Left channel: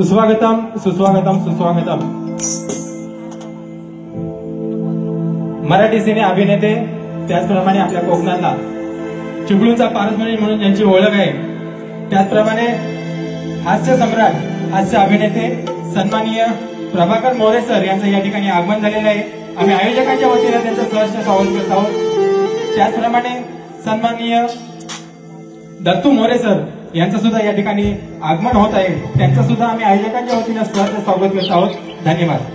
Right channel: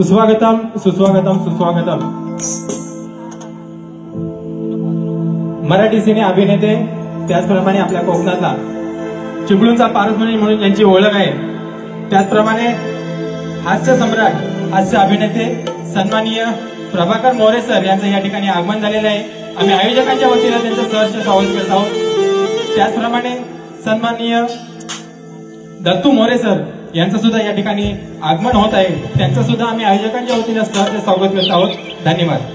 सुस्वागतम सुस्वागतम सुस्वागतम। मराठी सिने अभिनेते त्याचप्रमाणे आपल्या कोकणातला चिपळूणचा पारसमणी म्हणून यांची ओळख आहे। त्याचप्रमाणे हास्य सम्राट हास्य अभिनेते सन्माननीय प्रभाकर मोरे सर यांचं या ठिकाणी आगमन झालेलं आहे। आम्ही आयोजकांच्या वतीने त्यांचं सहर्ष स्वागत करत आहोत। त्याचप्रमाणे सन्माननीय दत्तू मोरे सर यांचं सुद्धा या ठिकाणी आगमन होत आहे। त्यांचं सुद्धा आम्ही आयोजकांच्या वतीने सहर्ष स्वागत करत आहोत। धन्यवाद।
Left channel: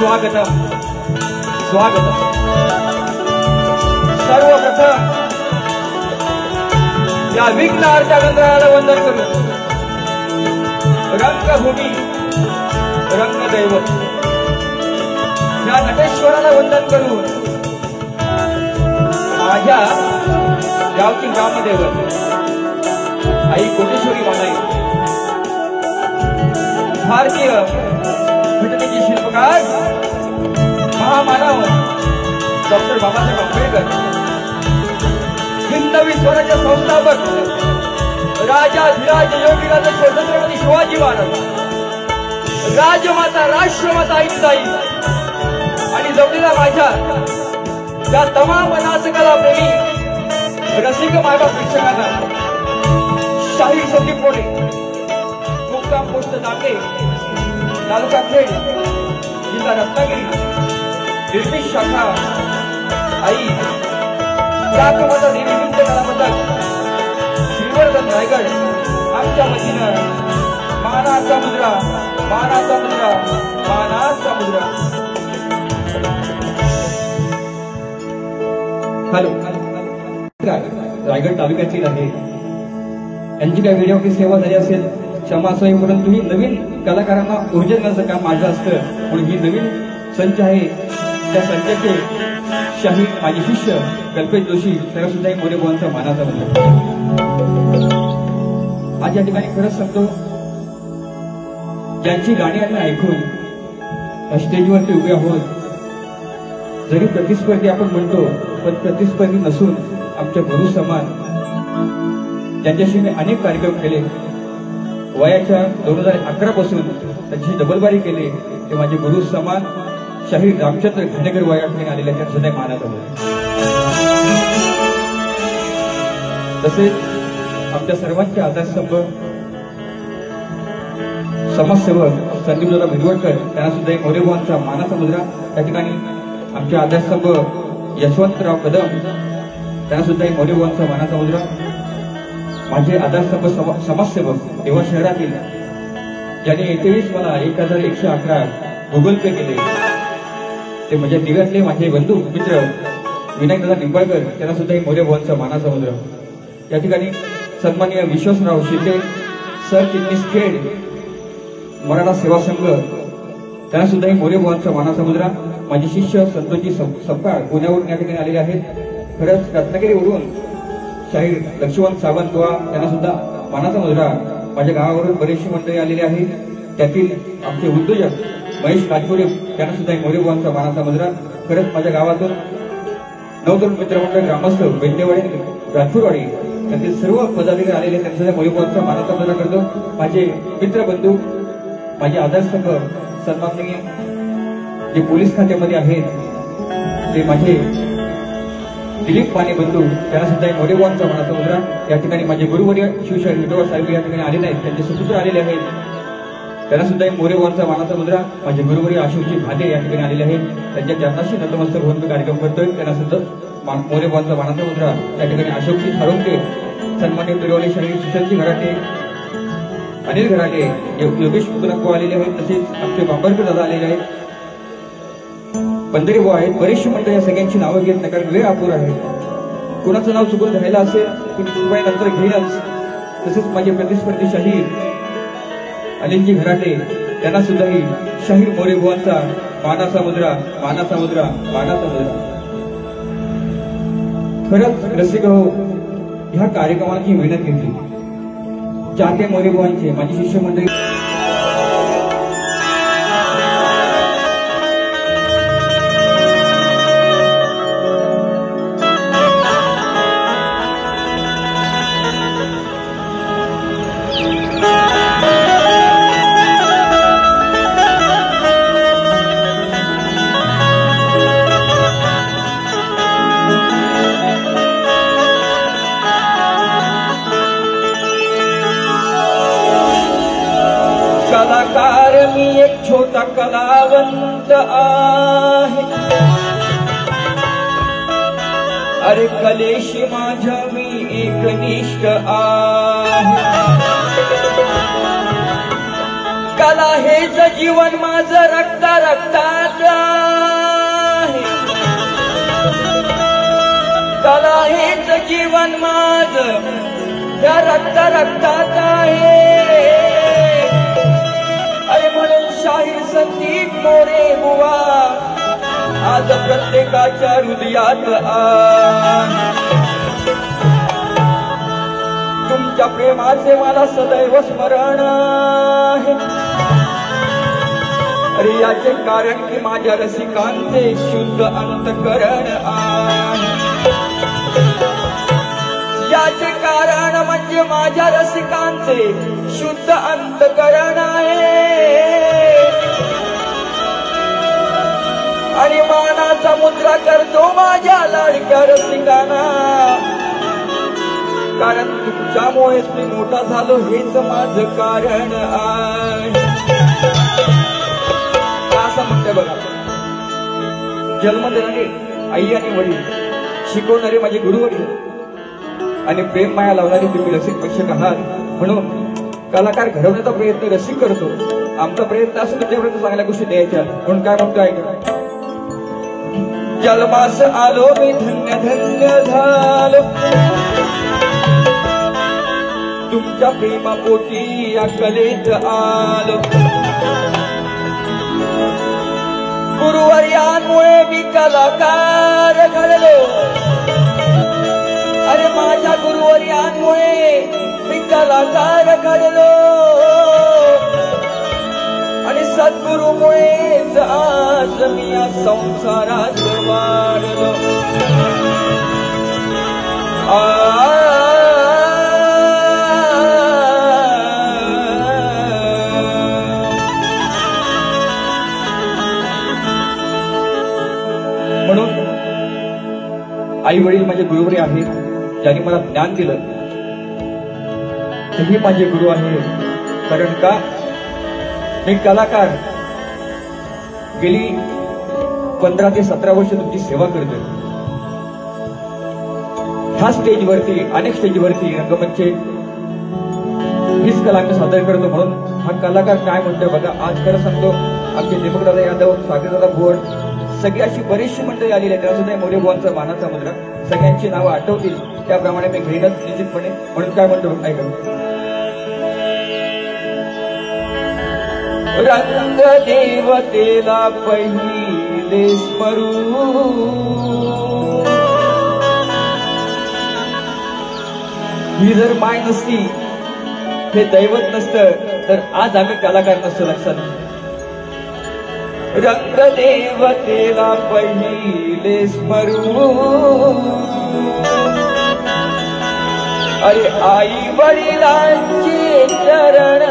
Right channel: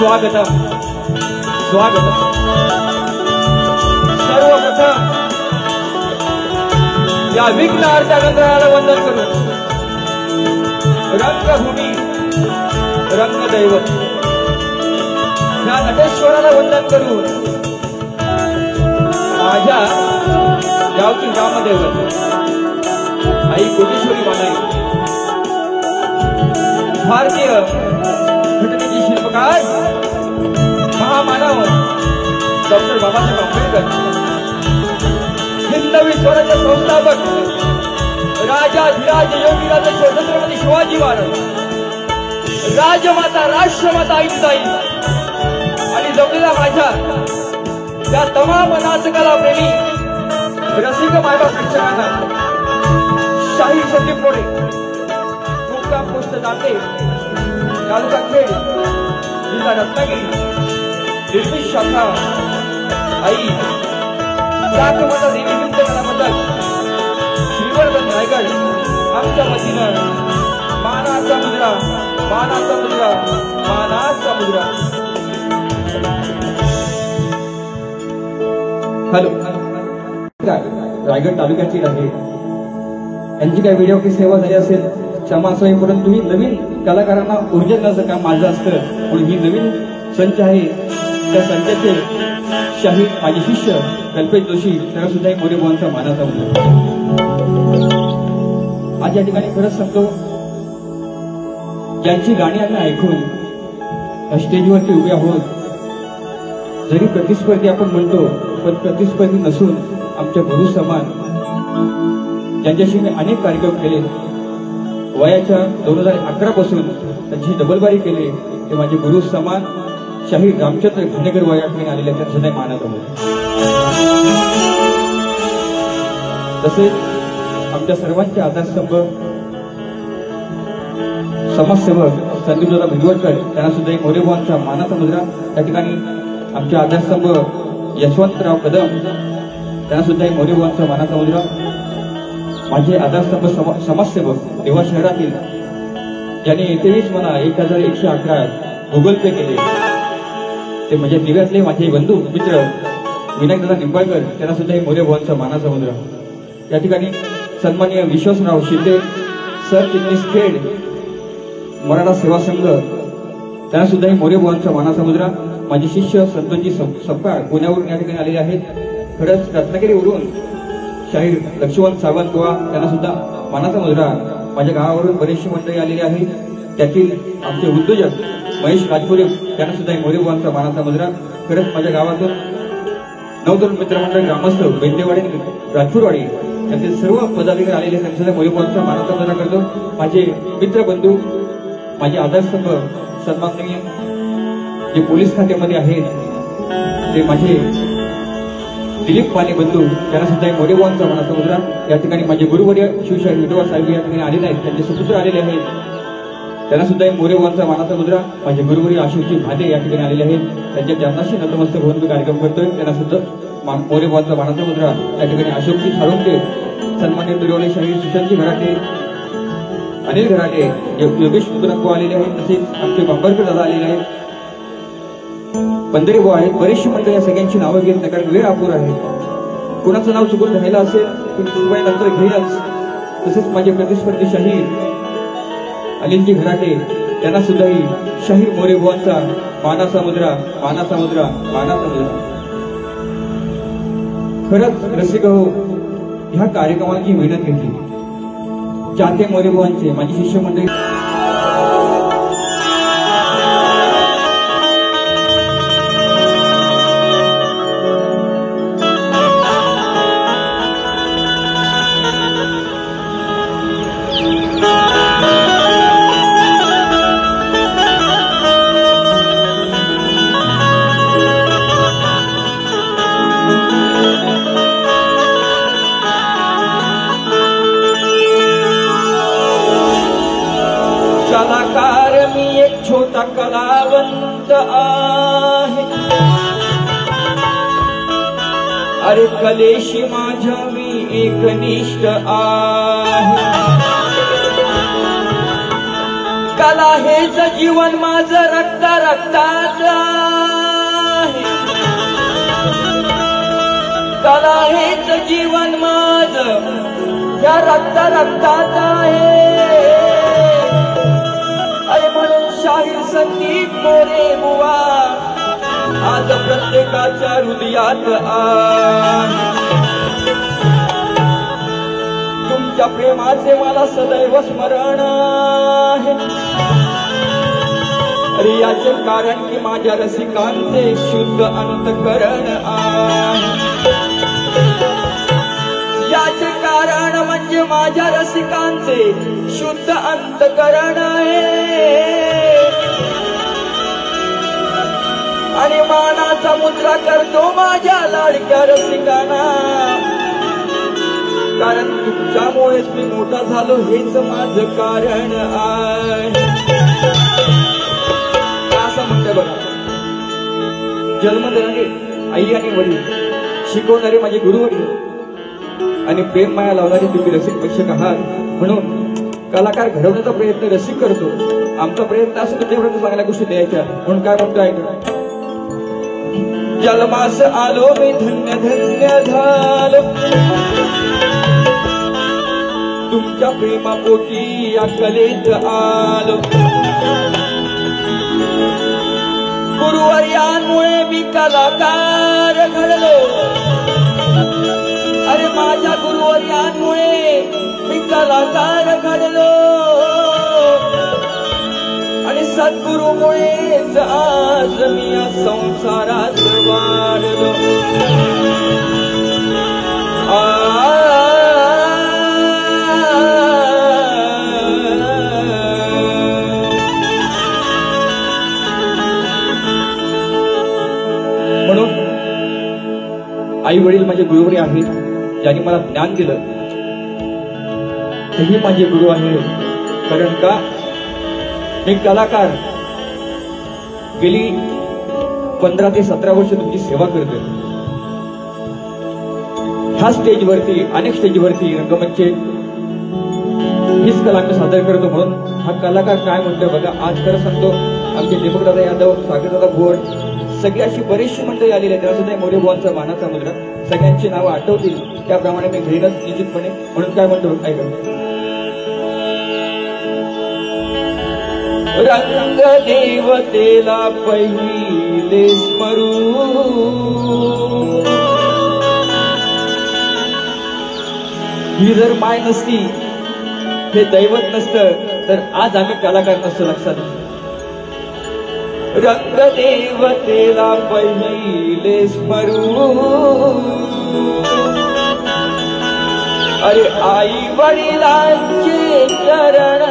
स्वागतम स्वागतम। सर्वप्रथम या विघ्नहर्त्या गंधर्वाला वंदन करून रंगभूमी रंगदैवत या नटेश्वराला वंदन करून माझ्या गावची ग्रामदैवत आई कोटेश्वरी मानाई भारतीय घटनेचे शिल्पकार महामानव डॉक्टर बाबासाहेब आंबेडकर, हिंदवी स्वराज्य संस्थापक राजाधिराज योगीराज छत्रपती शिवाजी महाराज, राजमाता राष्ट्रमाता आईसाई आणि जमलेला माझ्या या तमाम नाटकाला प्रेमी रसिक मायबाप प्रेक्षकांना शाही संदीप मोरे, मुक्काम पोस्ट नाटे, तालुका खेड, जिल्हा रत्नागिरी, निर्मित शाखा आई त्यामध्ये निमित्त कलाबद्दल श्रीवर्धन रायगड आमच्या वतीनं मानाचा मुद्रा मानाचा मुद्रा मानाचा मुद्रा. हॅलो, रायगड तालुक्यातील आहे. यांची काही व्हिडिओची सेवा झाली असेल क्षमा असावी, परंतु ही नवीन कलाकारांना ऊर्जा देण्याचं काम माझं असतं. म्हणून ही नवीन संच आहे. त्या संचाचे शाही माझे शिष्य कल्पेश जोशी सर्वसुद्धा मोरे बुवांचा मानाचा मुद्रा. आज या ठिकाणी खरंच सांगतो, ज्यांची गाणी आम्ही ऐकून स्टेजवरती उभे आहोत, जरी प्रतिस्पर्धी आपण म्हणतो पण प्रतिस्पर्धी नसून आमच्या गुरु समान, ज्यांच्याशी मी अनेक कार्यक्रम केले. वयाच्या 2011 पासून त्यांची डबलबारी केली. ते माझे गुरु समान शाहीर रामचंद्र घाणेकर वयाकडे आलेले त्या जुन्या मानात आले. तसेच आमच्या सर्वांचे आधारस्तंभ समाजसेवक संदीपदादा भिरवडकर त्यांना सुद्धा एक मोरे बुवांचा मानाचा मुद्रा. त्या ठिकाणी आमचे आधारस्तंभ यशवंतराव कदम त्यांना सुद्धा एक मोरे बुवांचा मानाचा मुद्रा. माझे आधारस्तंभ समाजसेवक देवा शहरातील ज्याने येथेच मला 1111 गुगल पे केले, ते म्हणजे दिघातले माझे बंधू मित्र विनायकदादा निंबाळकर त्यांना सुद्धा एक मोरे बुवांचा मानाचा मुद्रा. या ठिकाणी सन्माननीय विश्वासराव शिंदे सरचिटणीस खेड मराठा सेवा संघ त्यांना सुद्धा एक मोरे बुवांचा मानाचा मुद्रा. माझे शिष्य संतोषजी सपकाळ पुण्यावरून या ठिकाणी आलेले आहेत. खरंच रत्नागिरीवरून शाहीर लक्ष्मण सावंत गोवा त्यांना सुद्धा मानाचा मुद्रा. माझ्या गावावरून बरेचशी मंडळी आलेली आहेत. त्यातील आमचे उद्योजक महेश कातपुरे त्यांना सुद्धा एक मोरे बुवांचा मानाचा मुद्रा. खरंच माझ्या गावातून 9 मित्रमंडळ ग्रामस्थ बेंडेवाडी राजपूरवाडी त्यातील सर्व पदाधिकारी आलेले त्यांना सुद्धा मोरे बुवांचा मानाचा मुद्रा करतो. माझे मित्रबंधू माझे आधारस्तंभ सन्माननीय जे पोलीस खात्यामध्ये आहेत ते माझे दिलीप माने बंधू त्यांना सुद्धा एक मोरे बुवांचा मानाचा मुद्रा. या ठिकाणी माझे गुरुवर्य शिवशाहीर विठोबा साहेब या ठिकाणी आलेले आहेत. त्यांचे सुपुत्र आलेले आहेत. त्यांना सुद्धा एक मोरे बुवांचा मानाचा मुद्रा. माझे गुरुवर्य आशिषजी भाले या ठिकाणी आलेले आहेत. त्यांच्या चरणाशी नतमस्तक होऊन मी कार्यक्रम करतोय. त्यांना सुद्धा मोरे बुवांचा मानाचा मुद्रा. या ठिकाणी अशोकजी साळुंके सन्मान्य बिरवले शाहीर सुशांतजी घराटे अनिल घराटे योगेश मुद्राको आलेले आहेत. तसेच आमचे बांबरकर दादा आलेले आहेत. पंधरे बुवा आहेत. बरेचशी मंडळी या सगळ्यांची नावं घेत नाही कारण वेळ अपुरा आहे. कुणाचं नाव चुकून राहिलं असेल तर मी नंतर घेईनच. तसेच माझे प्रतिस्पर्धी शाहीर अनिलजी घराटे त्यांना सुद्धाही शाहीर मोरे बुवांचा मानाचा मुद्रा मानाचा मुद्रा मानाचा मुद्रा. खरंच रसिक हो, ह्या कार्यक्रमाची मेहनत घेतली. चाहते मोरे बुवांचे माझी शिष्य मंडळी छोटा कलावंत आहे. अरे कलेशी माझ्या मी एकनिष्ठ आहे. कला हेच जीवन माझं रक्ता रक्तात आहे. कला हेच जीवन माझं त्या रक्ता रक्तात आहे. शाहीर संदीप मोरे बुवा आज प्रत्येकाच्या हृदयात तुमच्या प्रेमाचे मला सदैव स्मरण आहे. अरे याचे कारण की माझ्या रसिकांचे शुद्ध अंतकरण आहे. याचे कारण म्हणजे माझ्या रसिकांचे शुद्ध अंतकरण आहे. आणि मानाचा मुद्रा करतो माझ्या लाडक्या रसिकांना. कारण तुमच्यामुळेच मी मोठा झालो हेच माझं कारण आहे. असं म्हणतं बघा, जन्म देणारे आई आणि वडील शिकवणारे माझे गुरुवडील आणि प्रेम माया लावणारे तुम्ही रसिक प्रेक्षक आहात, म्हणून कलाकार घडवण्याचा प्रयत्न रसिक करतो. आमचा प्रयत्न असं तुमच्यापर्यंत चांगल्या गोष्टी द्यायच्या. म्हणून काय म्हणतो ऐका, जन्मास आलो मी धन्य धन्य झालो तुमच्या प्रेमापोटी या कलेत आलो. गुरुवर्यांमुळे मी कलाकार घडलो. अरे माझ्या गुरुवर्यांमुळे मी कलाकार घडलो आणि सद्गुरुमुळेच आज मी या संसारात वाढलो. म्हणून आई वडील माझे गुरुवरी आहेत, ज्यांनी मला ज्ञान दिलं तेही माझे गुरु आहे. कारण का मी कलाकार गेली 15 ते 17 वर्ष तुमची सेवा करतोय. ह्या स्टेजवरती अनेक स्टेजवरती रंगमंचे हीच कला सादर करतो. म्हणून हा कलाकार काय म्हणतोय बघा. आज खरं सांगतो, आमचे दीपकदादा यादव, सागरदादा भोर, सगळी अशी बरीचशी मंडळी आलेली आहेत. त्यासुद्धा मोरेबुवांचा मानाचा मुद्रा, सगळ्यांची नावं आठवतील त्याप्रमाणे मी घेईनच निश्चितपणे. म्हणून काय म्हणतो ऐका, रंग देवतेला पहिले स्मरू ही जर माय नसती, हे दैवत नसतं, तर आज आम्ही कलाकार नसतो. लक्षात रंग देवतेला पहिले स्मरू अरे आई वडिलांचे चरण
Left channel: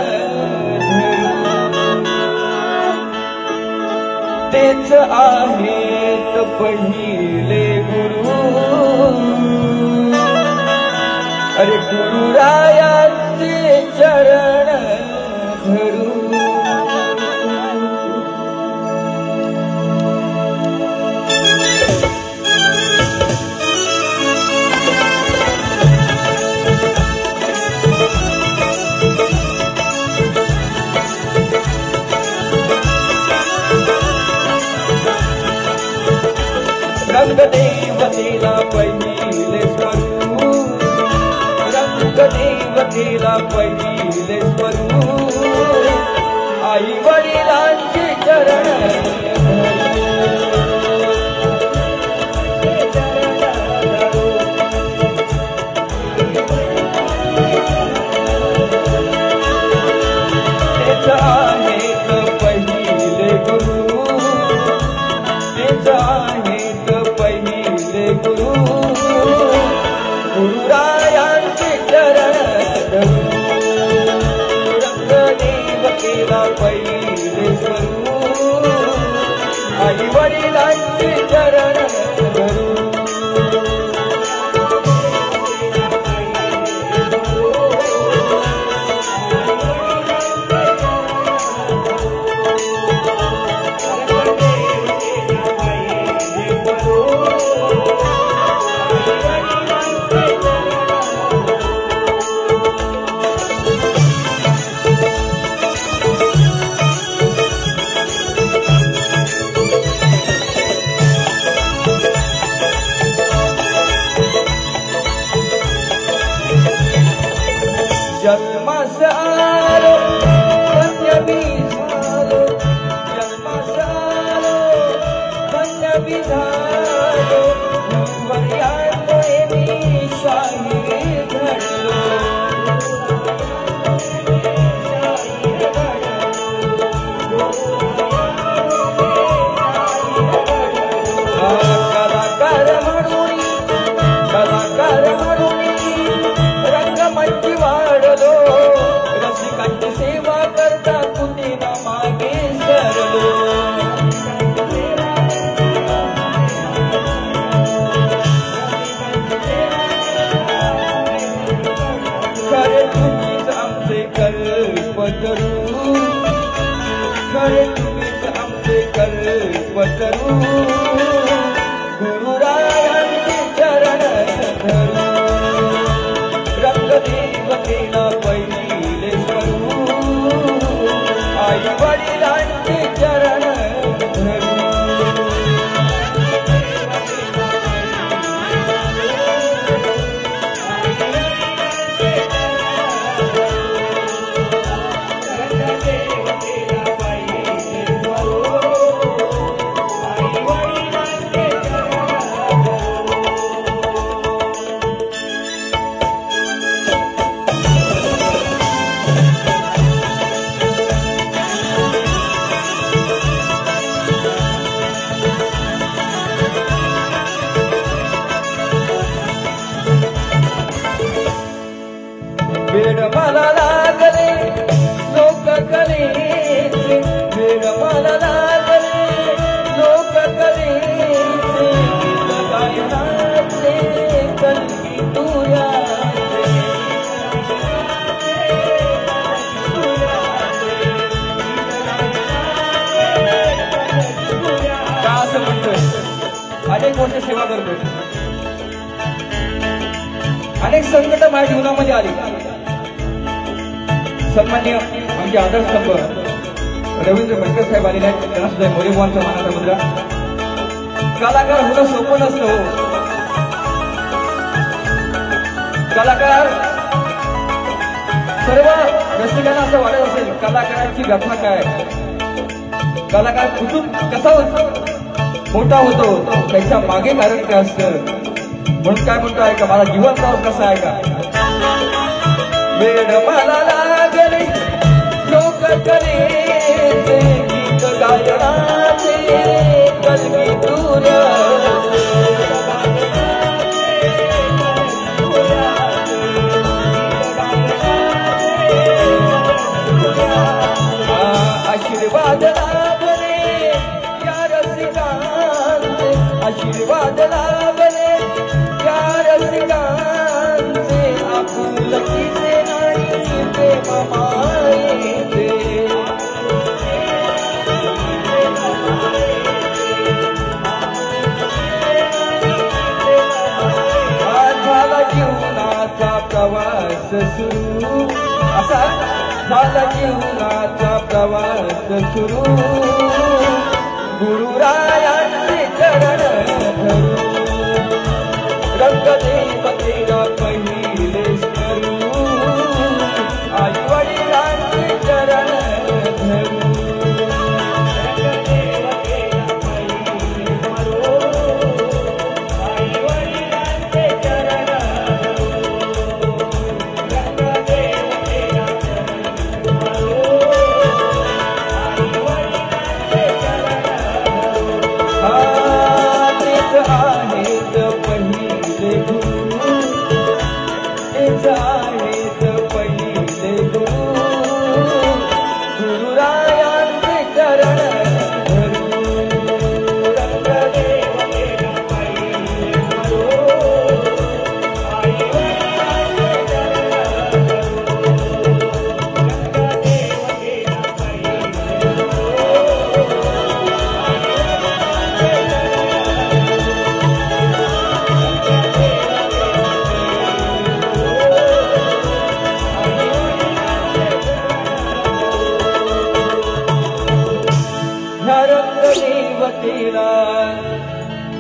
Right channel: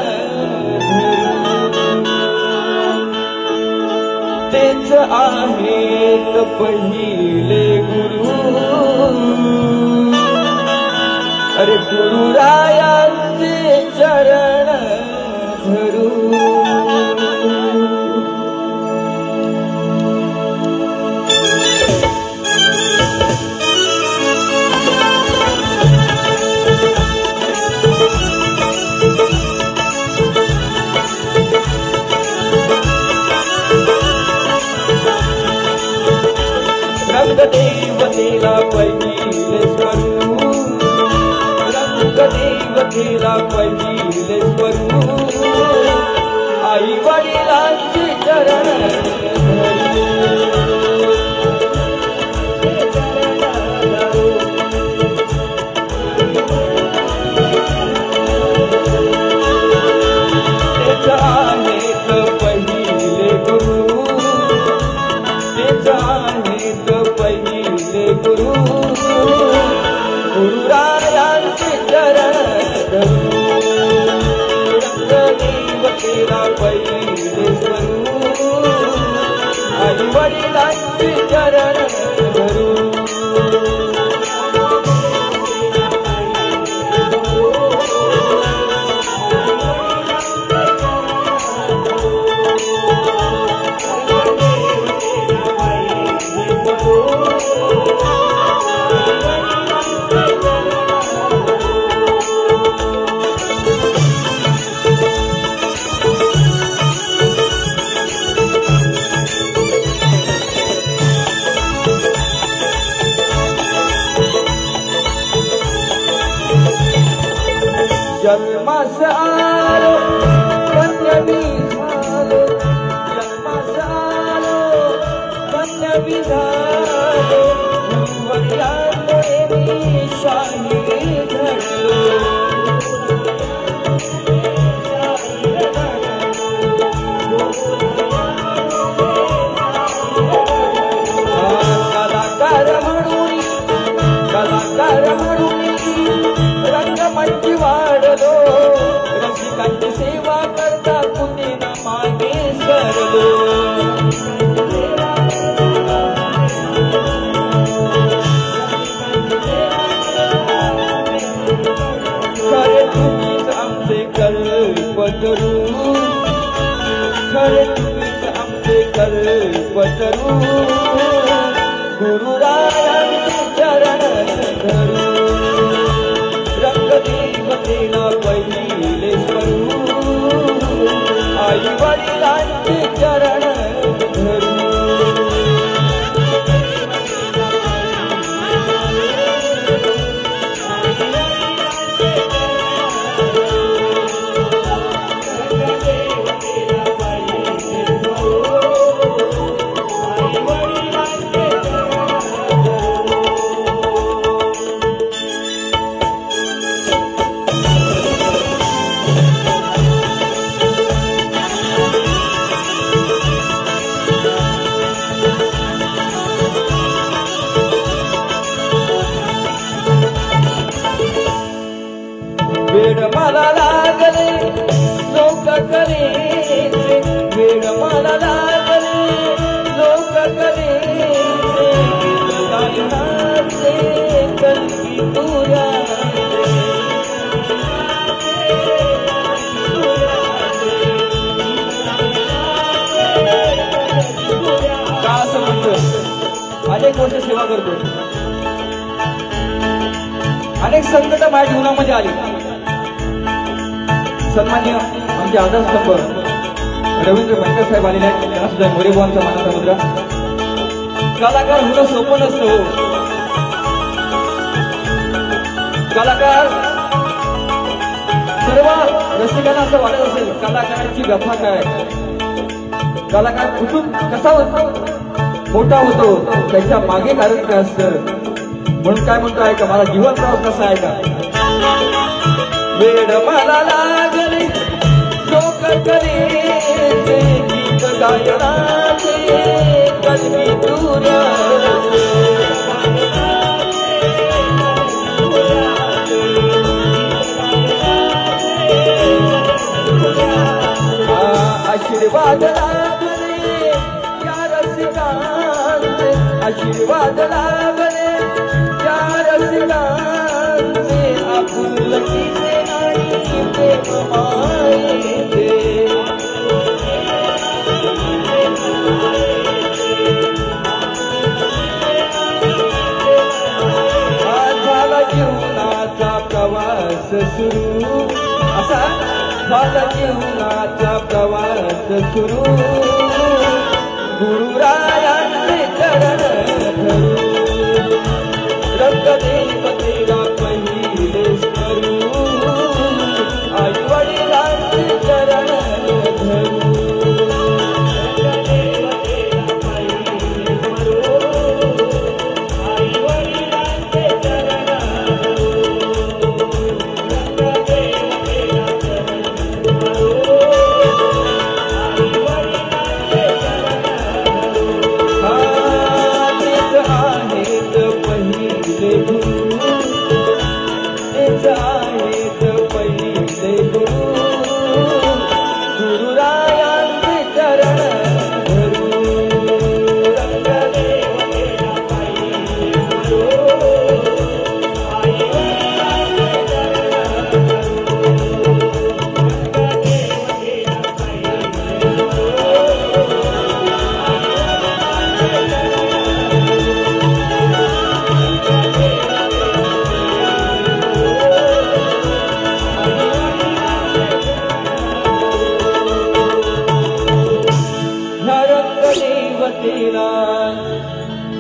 तेच आहेत पहिले गुरु. अरे गुरुरायांचे चरण धरू. रंगदेवतेला पहिले स्मरू, रंगदेवतेला पहिले स्मरू आई वडिलांची चरण तेच आहेत पहिले गुरु. तेच आहेत पहिले गुरु. गुरुरायांचे चरण धरू. रंगदेवतेला पहिले स्मरू आई वडिलांचे चरण धरू. जन्मास आलो धन्य मी झालो. जन्मास आलो धन्य मी झालो. गुरुवर्यांमुळे मी शाहीर घडलो. कलाकार म्हणून रंगमंची वाढलो. रसिकांची सेवा करता कुठे ना मागे सरलो. संकट माझ्या जीवनामध्ये आली. सन्माननीय आमचे आदर्श स्तंभ रवींद्र भटके साहेब आलेले आहेत. त्यांना सुद्धा मोरेबाबांचा मानाचा मुद्रा. कलाकार होणं सोपं नसतं. कलाकार सर्व रसिकांना असं वाटत असेल कलाकाराची व्यथा काय, कलाकार कुठून कसा मोठा होतो, त्याच्या मागे कारण काय असतं. म्हणून काय म्हणतो आहे का, मला जीवनराव कसा आहे का, वेड मला लागले लोक करे गीत गायनाचे कलगी दूर आशीर्वाद लाभले या रसिकांचे, आशीर्वाद लाभले या रसिकांचे, आपुलकीचे आणि प्रेमाचे. झाला जीवनाचा प्रवास सुरू, असा झाला जीवनाचा प्रवास सुरू, गुरुरायांचे चरण धरू, रंगदेवतेला पहिले स्मरू, आई वडिलांचे चरण धरू,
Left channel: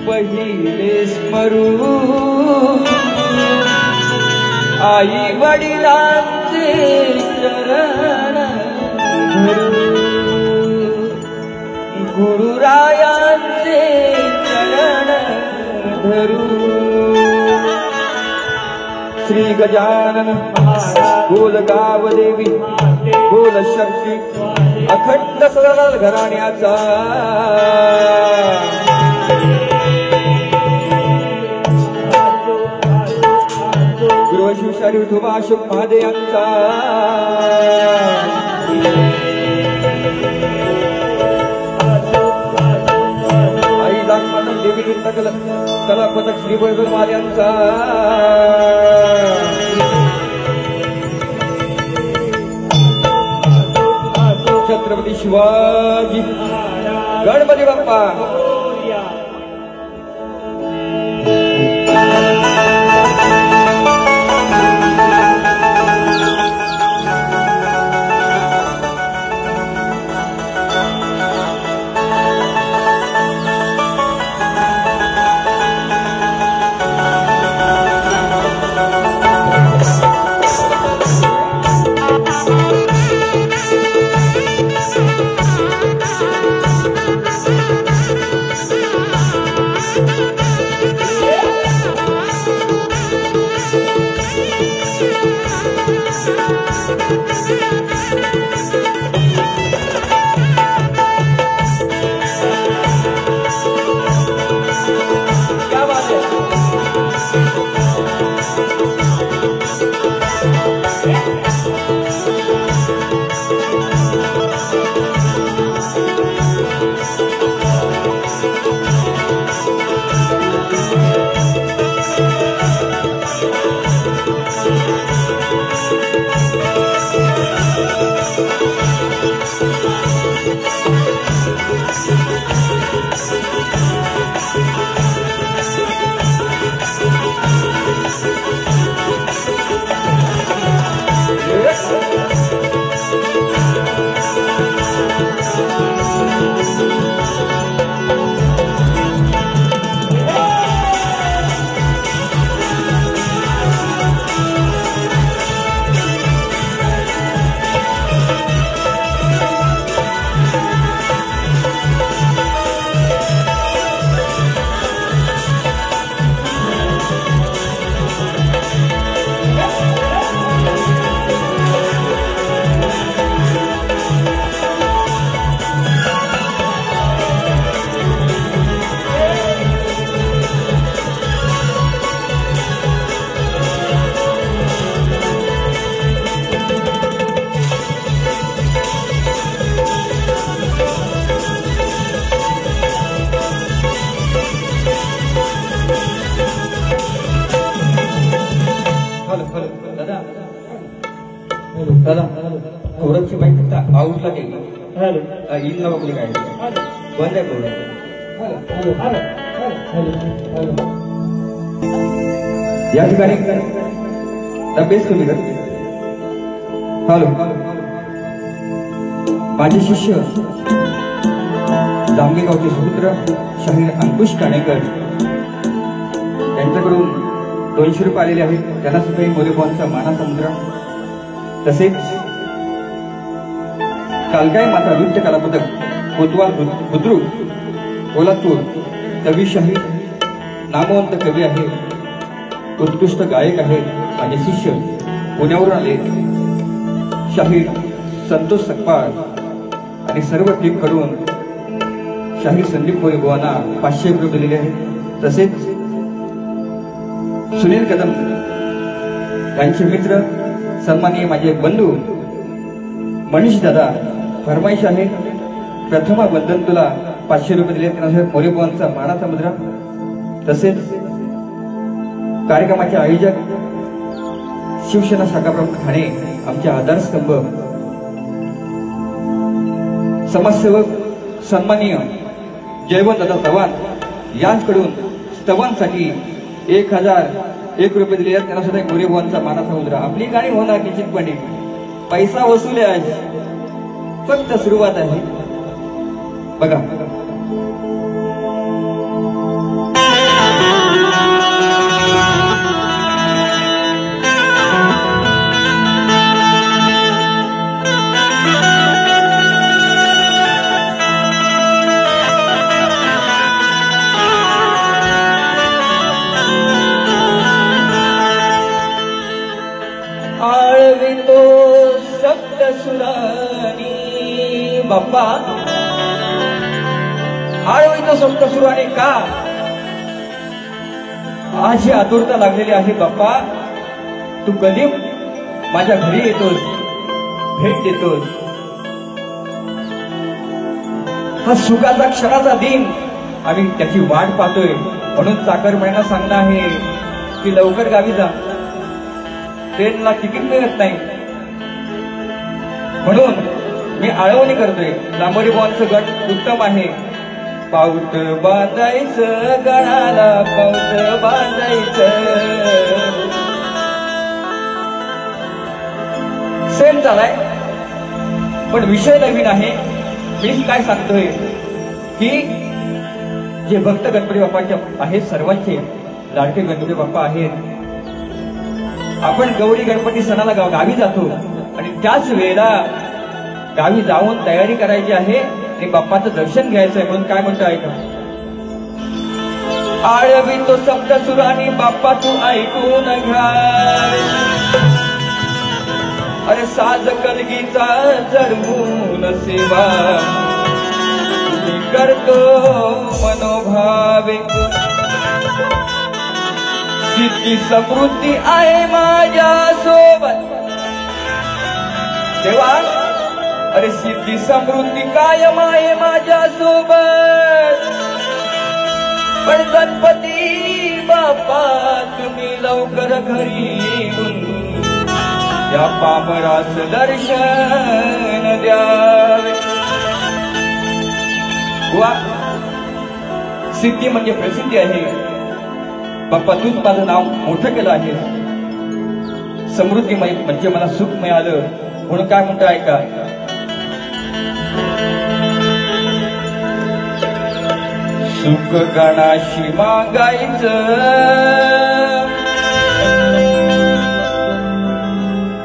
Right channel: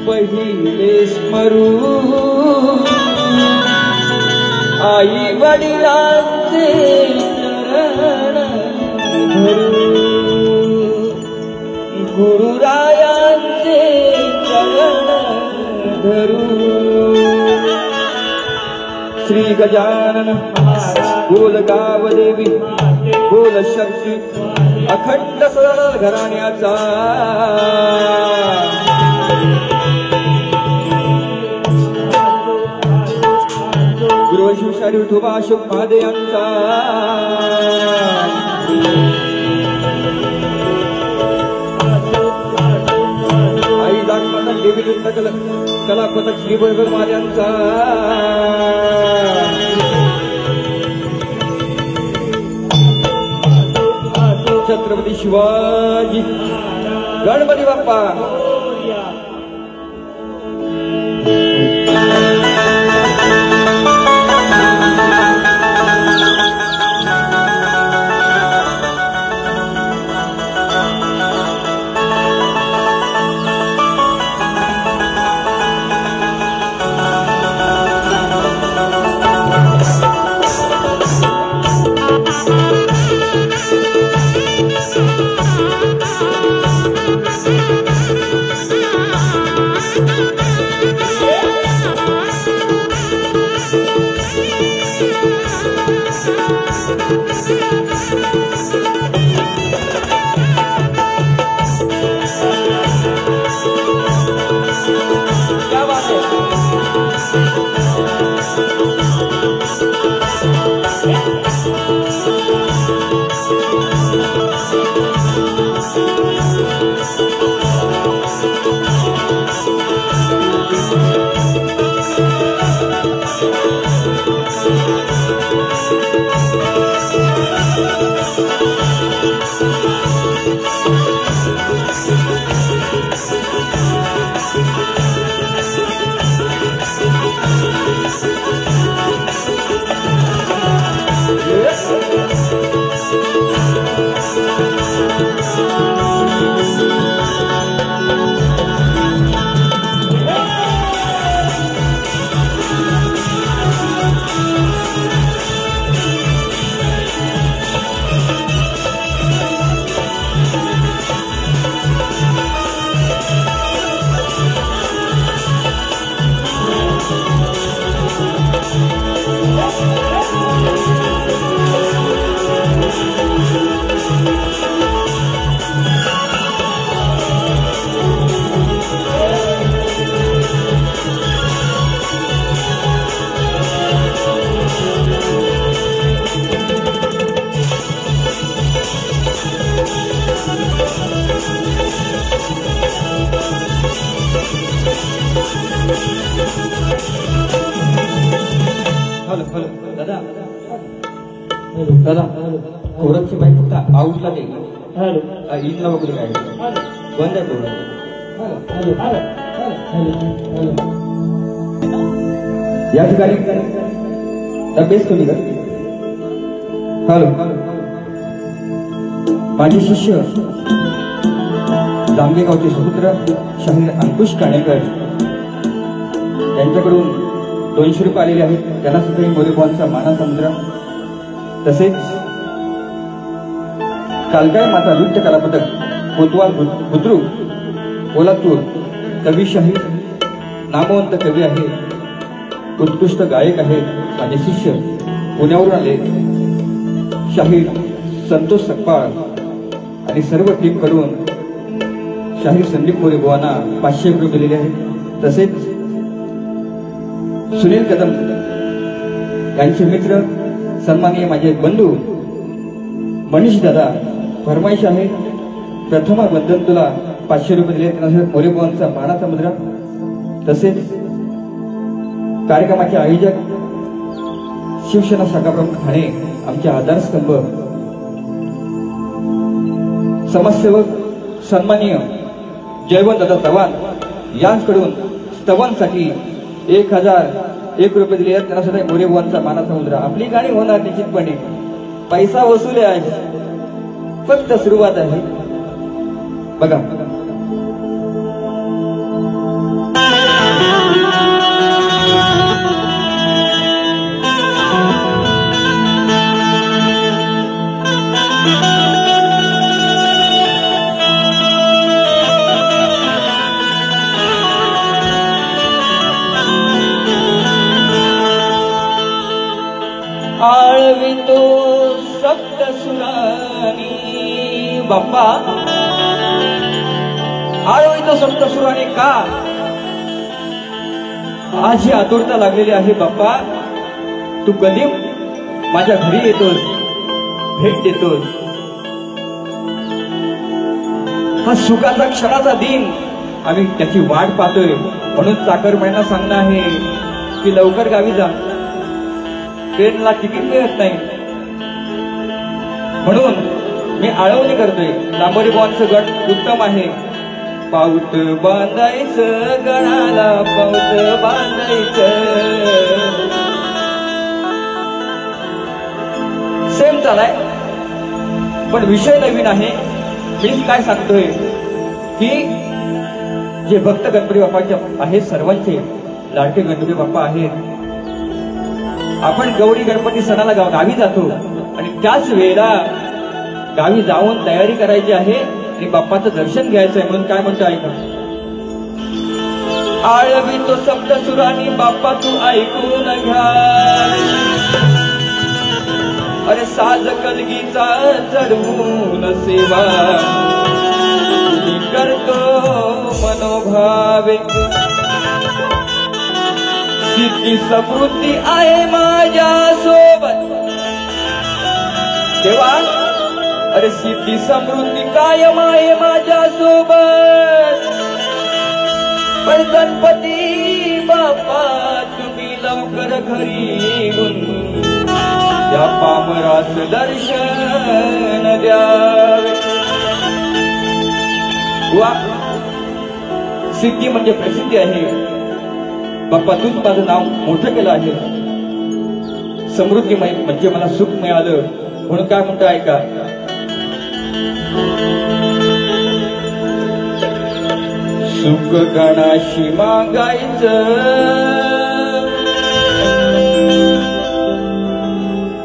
पहिले स्मरू, आई वडिलांचे चरण धरू, गुरुरायांचे चरण धरू. श्री गजानन गोलगाव देवी गोल शक्ती अखंड सरळ घराण्याचा गृहशिक्षारी विठोबा अशोक महादे यांचा आई दाखवाना देवी कला पथक श्री वैभव महाराजांचा छत्रपती शिवाजी गणपती बाप्पा. कोरतची बाई फक्त आऊटला ते हॅलो इनला वगैरे काय बंद आहे कोरत. हॅलो हॅलो हॅलो हॅलो या ठिकाणी बेस कमी कर. हॅलो माझे शिष्य जांभेगावचे सुपुत्र शाहीर अंकुश काणेकर यांच्याकडून 200 रुपये आलेले आहेत. त्यांना सुद्धा मोरेबावांचा मानाचा मुद्रा. तसेच कालकाय माता नृत्य कला पदक कोतवाल बुद्रुक कोल्हापूर कवी शाहीर नामवंत कवी आहे, उत्कृष्ट गायक आहे. माझे शिष्य पुण्यावरून आले शाहीर संतोष सकपाळ आणि सर्व टीम कडून शाहीर संदीप मोरेबावांना 500 रुपये दिलेले आहेत. तसेच सुनील कदम यांचे मित्र सन्माननीय माझे बंधू मनीष दादा फरमाईश आहे. प्रथमाबद्दल तुला 500 रुपये दिले. मोरेबावांचा मानाचा मुद्रा. तसेच कार्यक्रमाचे आयोजक शिवसेना शाखाप्रमुख ठाणे आमचे आधारस्तंभ समाजसेवक सन्माननीय जयवंतदादा चव्हाण यांच्याकडून स्तवांसाठी 1001 रुपये दिले आहेत. त्यांना सुद्धा मोरेबावांचा मानाचा मुद्रा. आपली गाणी होणार निश्चितपणे. पैसा वसूल आहे, फक्त सुरुवात आहे. बघा आळवितो सप्त सुरानी बाप्पा, आळवितो सप्त सुरानी का? आज ही आतुरता लागलेली आहे बाप्पा. तू कधी माझ्या घरी येतोस, भेट देतोस. हा सुखाचा क्षणाचा दिन आणि त्याची वाट पाहतोय. म्हणून चाकरमान्यांना सांगणं आहे की लवकर गावी जा. ट्रेनला तिकीट मिळत नाही म्हणून मी आळवणी करतोय. मोरेबावांचं गट उत्तम आहे. पाऊत बांधायचं गळाला, पाऊत बांधायचं. सेम झालाय पण विषय नवीन आहे. मीच काय सांगतोय की जे भक्त गणपती बाप्पाचे आहेत, सर्वांचे लाडके गणपती बाप्पा आहेत. आपण गौरी गणपती सणाला गावी जातो आणि त्याच वेळेला गावी जाऊन तयारी करायची आहे आणि बाप्पाचं दर्शन घ्यायचंय. म्हणून काय म्हणतो ऐका. आळवितो सप्त सुरानी बाप्पा तू ऐकून घ्या. अरे साज कलगीचा चढवून सेवा करतो मनोभावे. सिद्धी समृद्धी आहे माझ्या सोबत देवा. अरे सिद्धी समृद्धी कायम आहे माझ्या सोबत. पण गणपती बाप्पा तुम्ही लवकर घरी येऊन या पामरास दर्शन द्यावे. वा, सिद्धी म्हणजे प्रसिद्धी आहे. बाप्पा तूच माझं नाव मोठं केलं आहे. समृद्धी म्हणजे मला सुख मिळालं. म्हणून काय म्हणतो ऐका. सुख गणाशी मागायचं,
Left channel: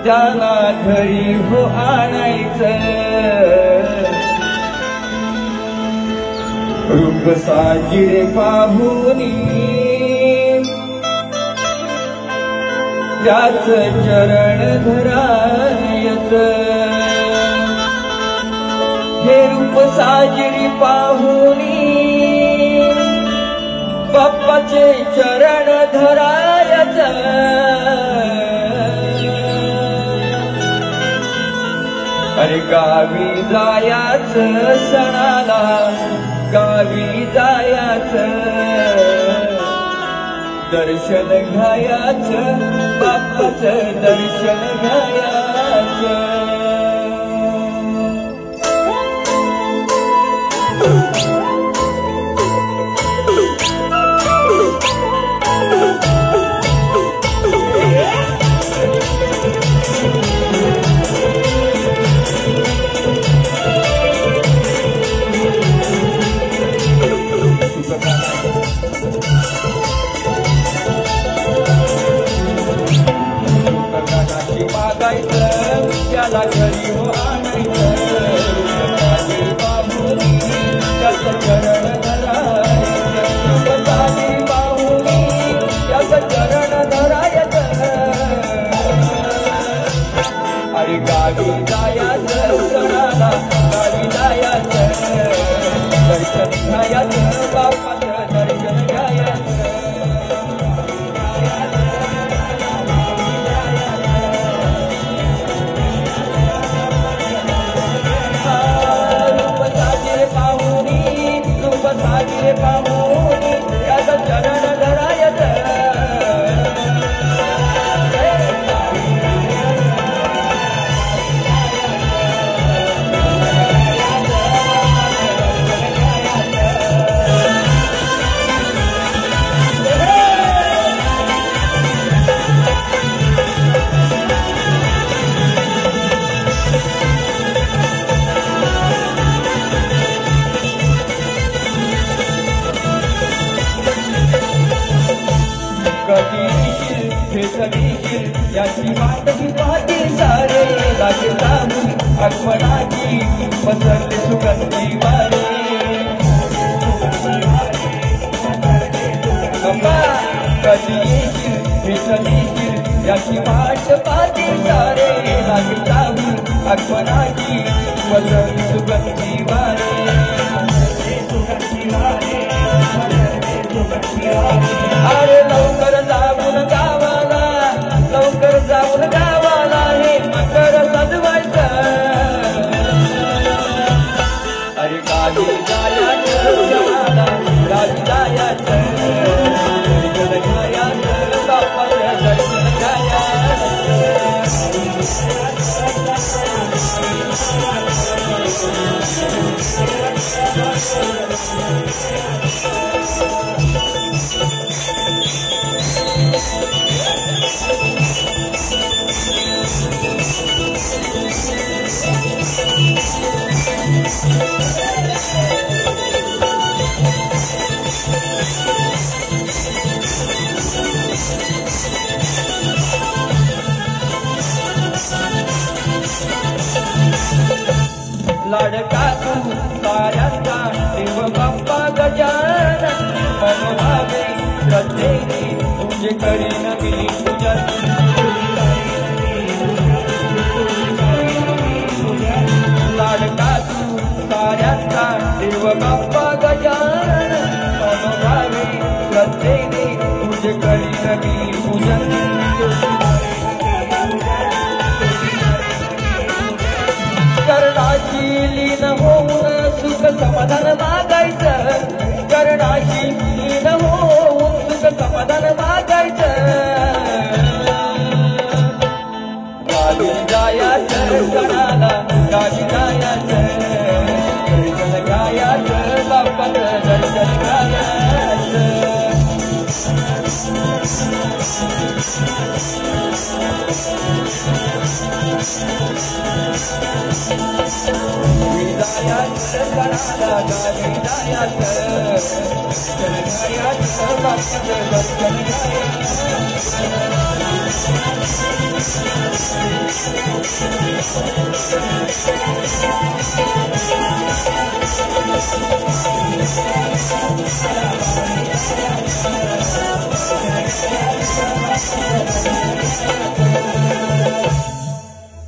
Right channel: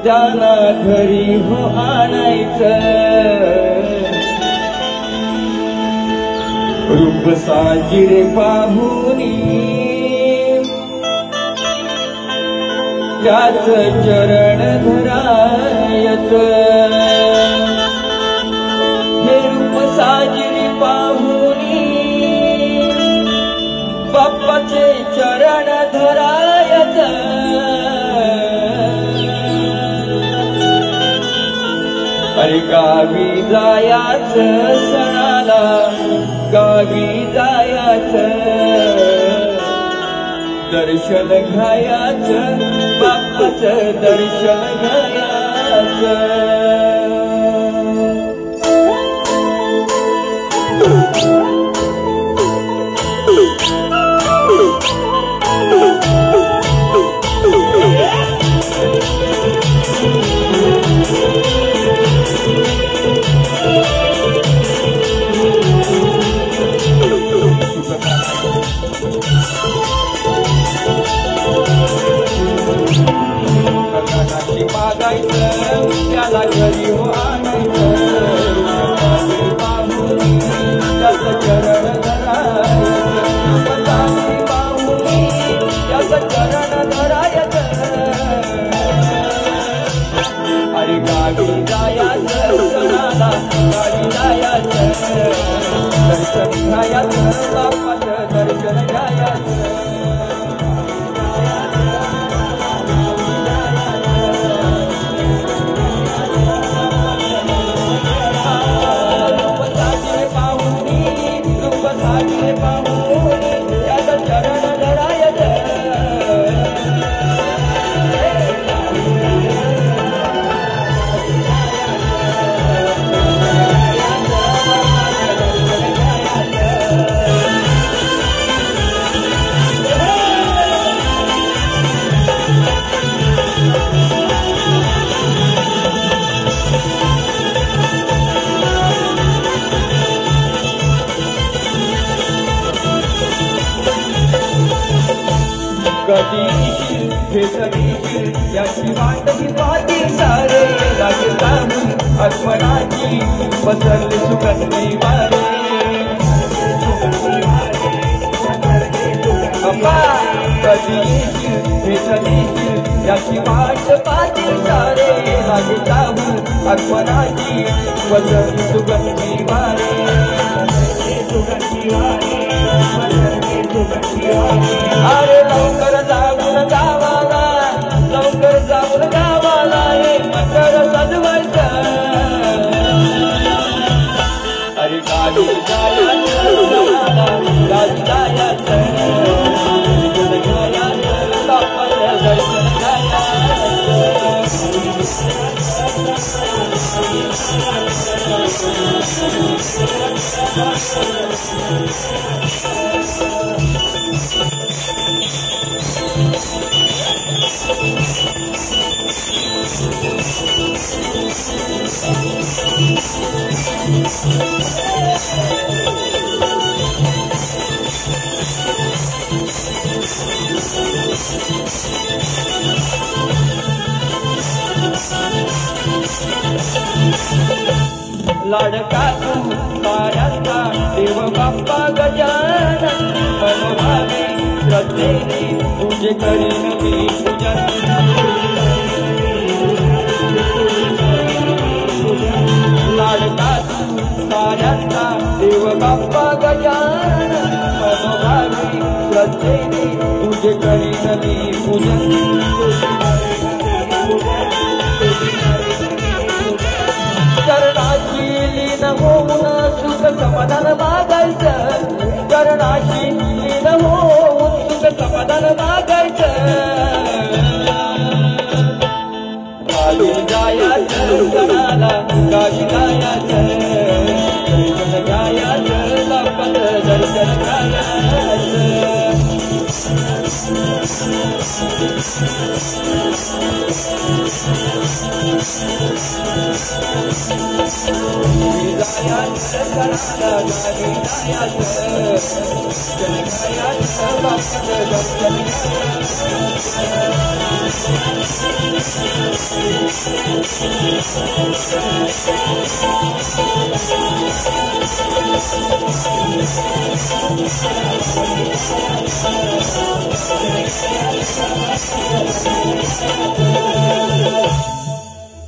त्यांना घरी हो आणायचं. रूप साजिरे पाहुनी त्याच चरण धरायचं. हे रूप साजिरी पाहुनी बाप्पाचे चरण धरायचं. अरे गावी जायाचं सणाला, गावी जायाचं. दर्शन घ्यायचं बाप्पाचं, दर्शन घ्यायचं.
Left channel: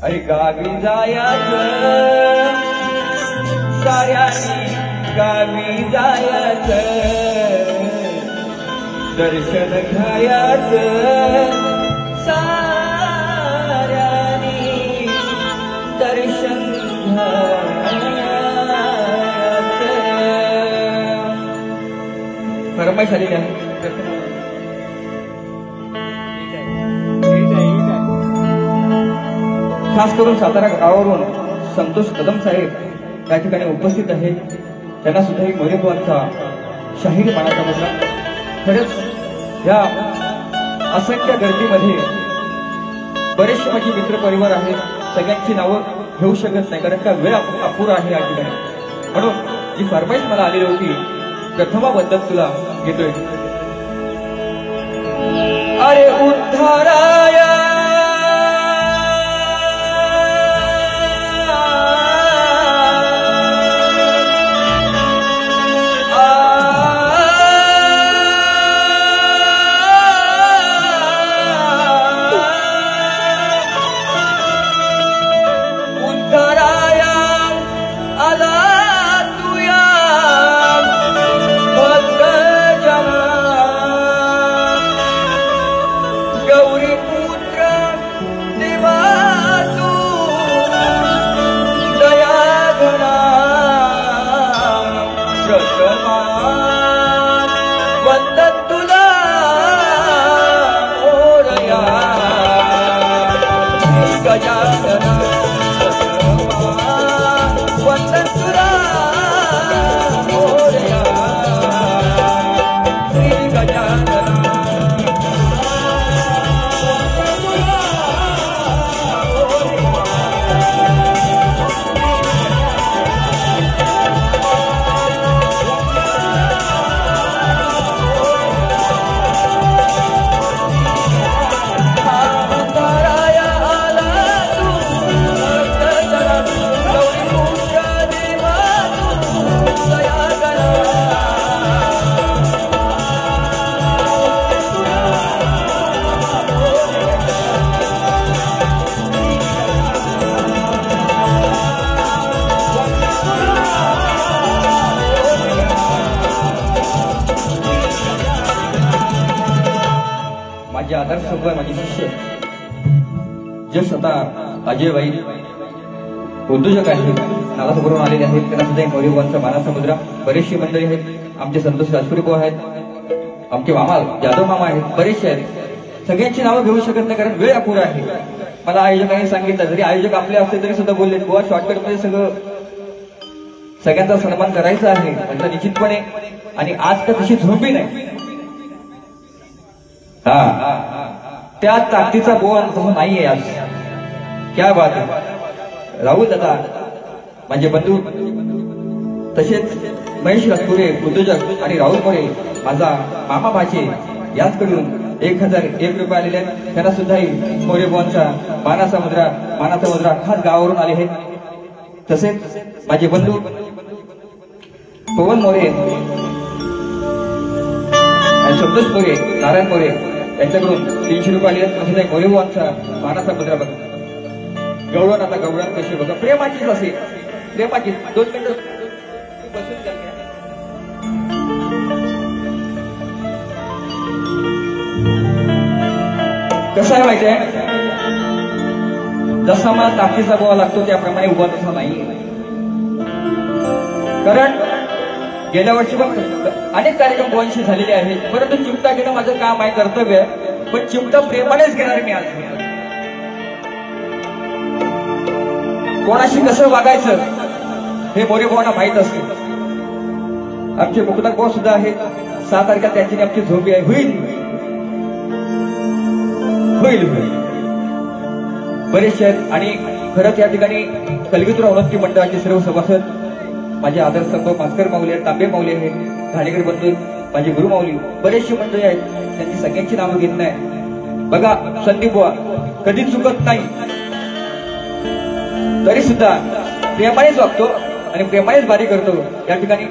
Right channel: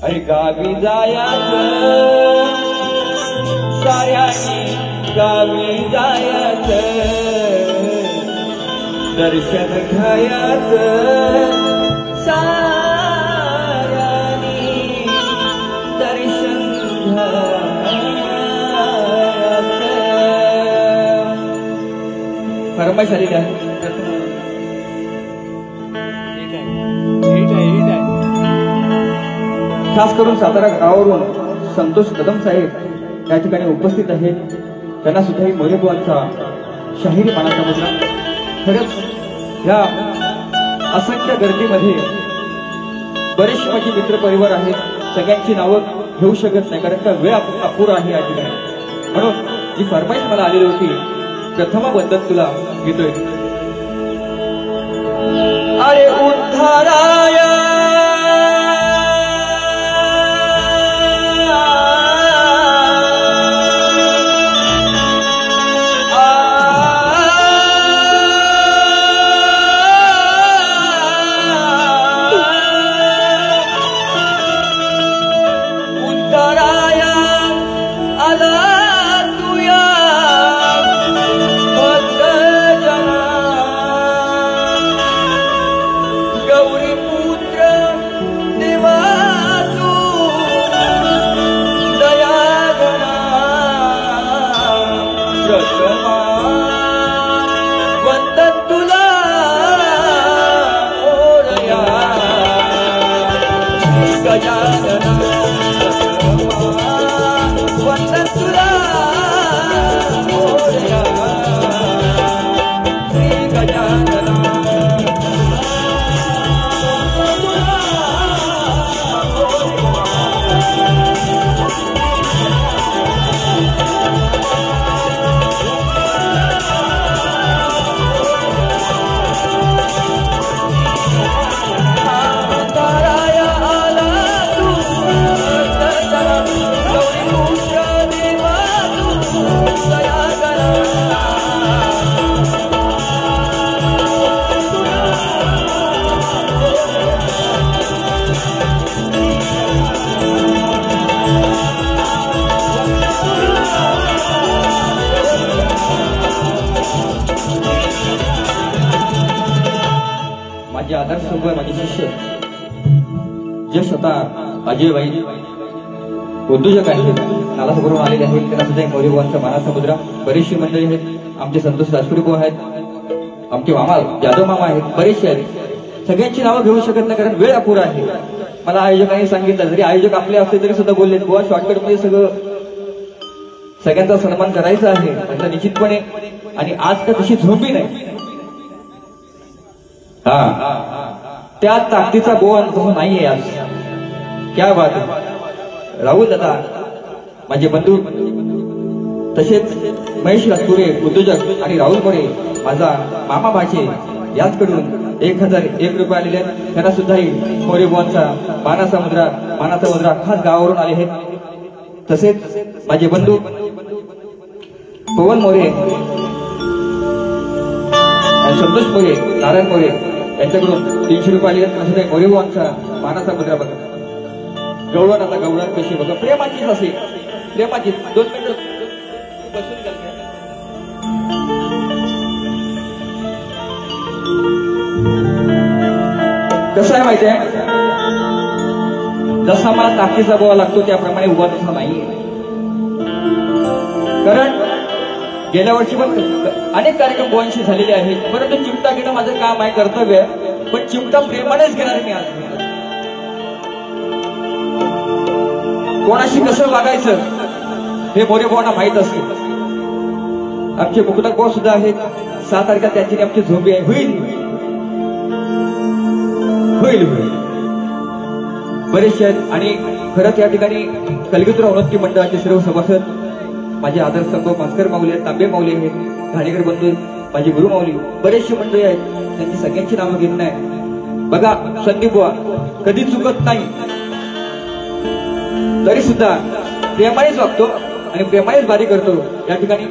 अरे गावी जायाचं साऱ्यानी गावी जायाचं दर्शन घ्यायाचं साऱ्यानी दर्शन घ्यायाचं फरमाईश आलेली आहे. खास करून सातारा गावावरून संतोष कदम साहेब या ठिकाणी उपस्थित आहे. त्यांना सुद्धा मोरेबुवांचा शाहीर मानाचा मुद्रा. खरंच या असंख्य गर्दीमध्ये बरेच मोठे मित्रपरिवार आहेत. सगळ्यांची नावं घेऊ शकत नाही कारण का वेळ अपुरा आहे या ठिकाणी. म्हणून जी फरमाईश मला आलेली होती प्रथमाबद्दल तुला घेतोय. अरे उद्धाराय यश आता अजयबाई उद्योजक आहेत, नालासोबरून आलेले आहेत, त्यांना सुद्धा मौर्यभुवांचा माना समुद्र. बरेचशी मंडळी आहेत, आमचे संतोष राजपुरी भाऊ आहेत, आमचे मामा जाधव मामा आहेत, बरेचसे आहेत. सगळ्यांची नावं घेऊ शकत नाही कारण वेळ अपुरा आहे. मला आयोजकांनी सांगितलं, जरी आयोजक आपले असले तरी सुद्धा बोलले बुवा शॉर्टकटमध्ये सगळ्यांचा सन्मान करायचा आहे त्यांचा निश्चितपणे. आणि आज तर तशी झोपी नाही, त्या ताकदीचा बोवा नाहीये आज. क्या बात आहे. राहुल दादा माझे बंधू, तसेच महेश राजपुरे उद्योजक आणि राहुल मोरे माझा मामा भाचे यांच्याकडून 1001 रुपये आलेले आहेत. त्यांना सुद्धा मोरेबुवांचा माना समुद्रा खास गावावरून आले आहेत. तसेच माझे बंधू पवन मोरे, संतोष मोरे, नारायण मोरे यांच्याकडून 300 रुपये आलेले आहेत. सुद्धा मोरेबुवांचा माना समुद्रा बघा. गवळण आता गवळण कशी बघा, प्रेमाचीच असे, प्रेमाचीच. 2 मिनिटं बसून द्या. कसं आहे माहिती आहे, जसा मला ताकदीचा बोवा लागतो त्याप्रमाणे उभा तसा नाही. कारण गेल्या वर्षी पण अनेक कार्यक्रम बोवांशी झालेले आहेत, परंतु चिमटा घेणं माझं काम आहे, कर्तव्य आहे. पण चिमटा प्रेमानेच घेणार मी आज. कोणाशी कसं वागायचं हे मोरेबुवांना माहीत असते. आमचे मुकुंदर भाऊ सुद्धा आहेत. 6 तारखेला त्यांची आमची झोंबी आहे. होईल बरेचसे आहेत. आणि खरंच या ठिकाणी कलगीतुरा उन्नती मंडळाचे सर्व सभासद, माझे आदरस्तंभ मास्कर माऊली, तांबे माऊली आहेत, घाणेकर बंधू, माझे गुरु माऊली, बरेचशी मंडळी आहेत. त्यांची सगळ्यांची नावं घेत नाही. बघा संदीप बुवा कधी चुकत नाही, तरी सुद्धा प्रेमानेच वागतो आणि प्रेमानेच बारी करतो. या ठिकाणी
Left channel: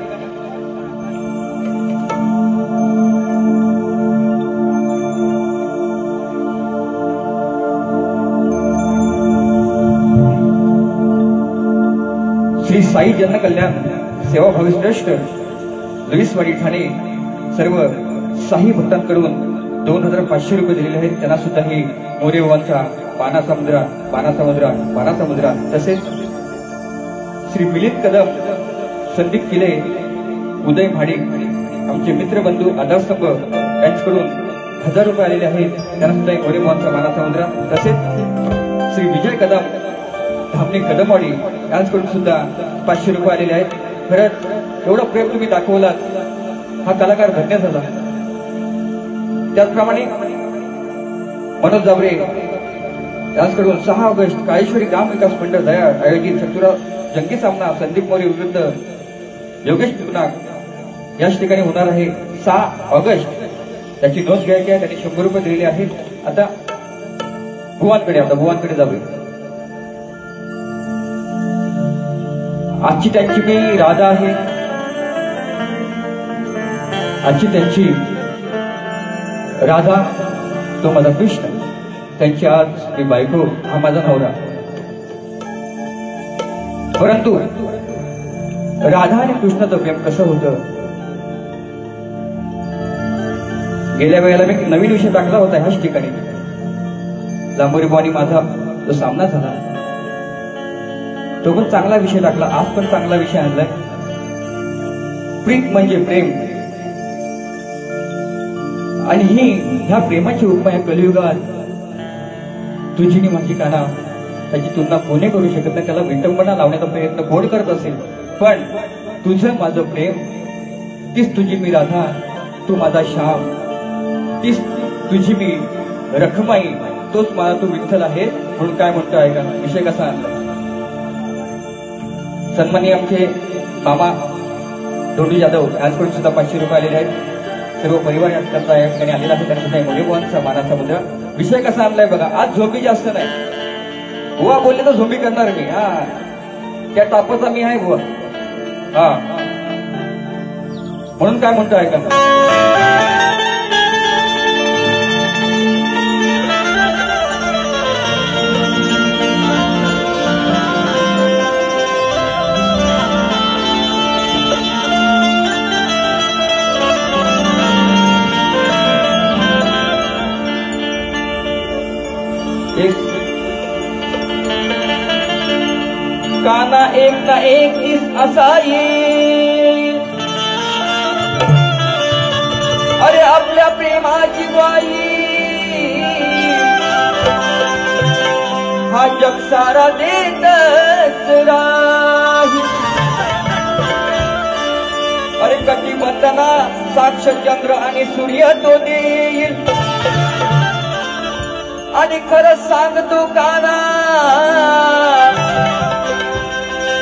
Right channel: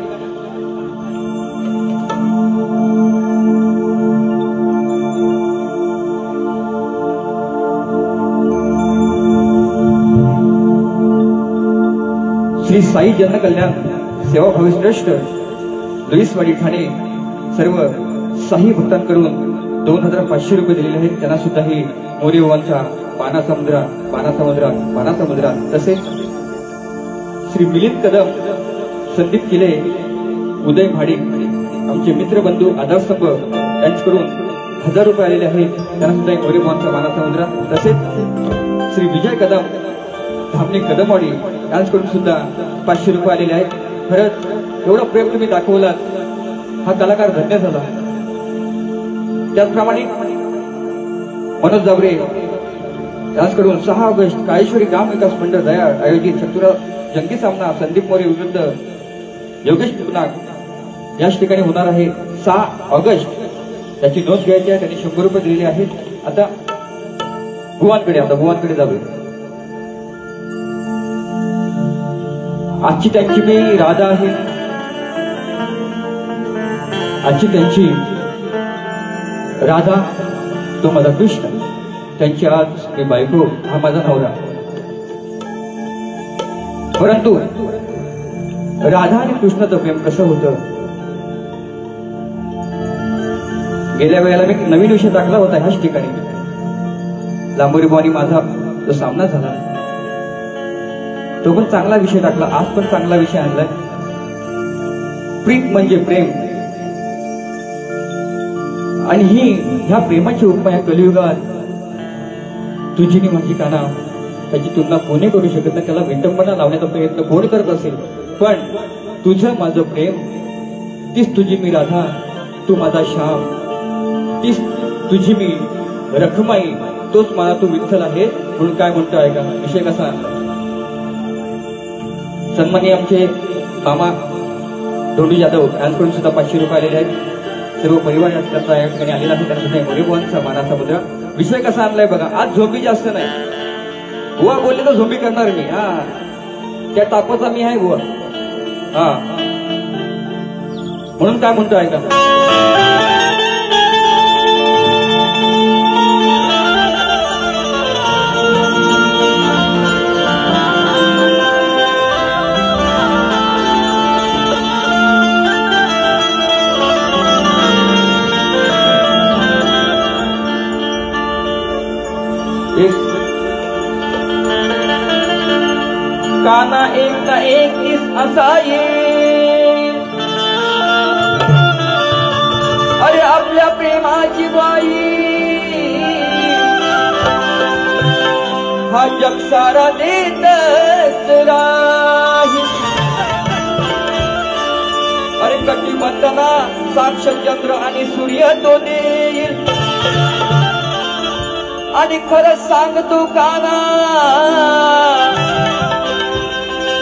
श्री साई जनकल्याण सेवा भावी श्रेष्ठ लुईसवाडी ठाणे सर्व साई भक्तांकडून 2500 रुपये दिलेले आहेत. त्यांना सुद्धा ही मोरेबुवांचा माना समुद्रा. तसेच श्री मिलिंद कदम, संदीप किले, उदय भाडे आमचे मित्रबंधू आधारस्तंभ यांच्याकडून 1000 रुपये आलेले आहेत. त्यांना सुद्धा मोरेबुवांचा माना समुद्रा. तसेच श्री विजय कदम, धामणे कदमवाडी यांच्याकडून सुद्धा 500 रुपये आलेले आहेत. खरंच एवढं प्रेम तुम्ही दाखवलात, हा कलाकार धन्य झाला. त्याचप्रमाणे मनोज जाबरे यांच्याकडून 6 ऑगस्ट काळेश्वरी ग्राम विकास मंडळ दया आयोजित शत्रुराव जंगी सामना संदीप मोरे विरुद्ध योगेश पुनाक याच ठिकाणी होणार आहे 6 ऑगस्ट. त्याची नोंद घ्यायची आहे. त्यांनी 100 रुपये दिलेले आहेत. आता भुवांकडे जाऊया. आजची त्यांची मी राधा आहे, आजची त्यांची राधा तो माझा कृष्ण, त्यांची आज मी बायको हा माझा नवरा. परंतु राधा आणि कृष्णाचं प्रेम कसं होतं, गेल्या वेळेला मी नवीन विषय टाकला होता ह्याच ठिकाणी. लांबोरीबानी माझा जो सामना झाला तो पण चांगला विषय टाकला. आज पण चांगला विषय आणलाय. प्रीत म्हणजे प्रेम. आणि ह्या प्रेमाची उपमा या कलियुगात तुझी नि माझी काना त्याची तुलना कोणी करू शकत नाही. त्याला विटंबना लावण्याचा प्रयत्न कोण करत असेल, पण तुझं माझं प्रेम, तीच तुझी मी राधा, तू माझा श्याम, तीच तुझी मी रखमाई, तोच मला तू विठ्ठल आहे. म्हणून काय म्हणतो आहे का विषय कसा आणला. सन्मानी आमचे मामा धोंडी जाधव यांच्याकडून सुद्धा 500 रुपये आलेले आहेत. सर्व परिवार त्यांचा या ठिकाणी आलेला आहे. त्यांचा मोरेबुवांचा मानाचा मुद्रा. विषय कसा आणलाय बघा. आज झोंबी जास्त नाही. बुवा बोलले तर झोंबी करणार मी. त्या तापाचा मी आहे बुवा. म्हणून काय म्हणतो आहे का, काना एक ना एक दिस असा येईल. अरे आपल्या प्रेमाची बाई हा जग सारा देतच राहील. अरे कटिबंधना साक्ष चंद्र आणि सूर्य तो देईल. आणि खरं सांगतो काना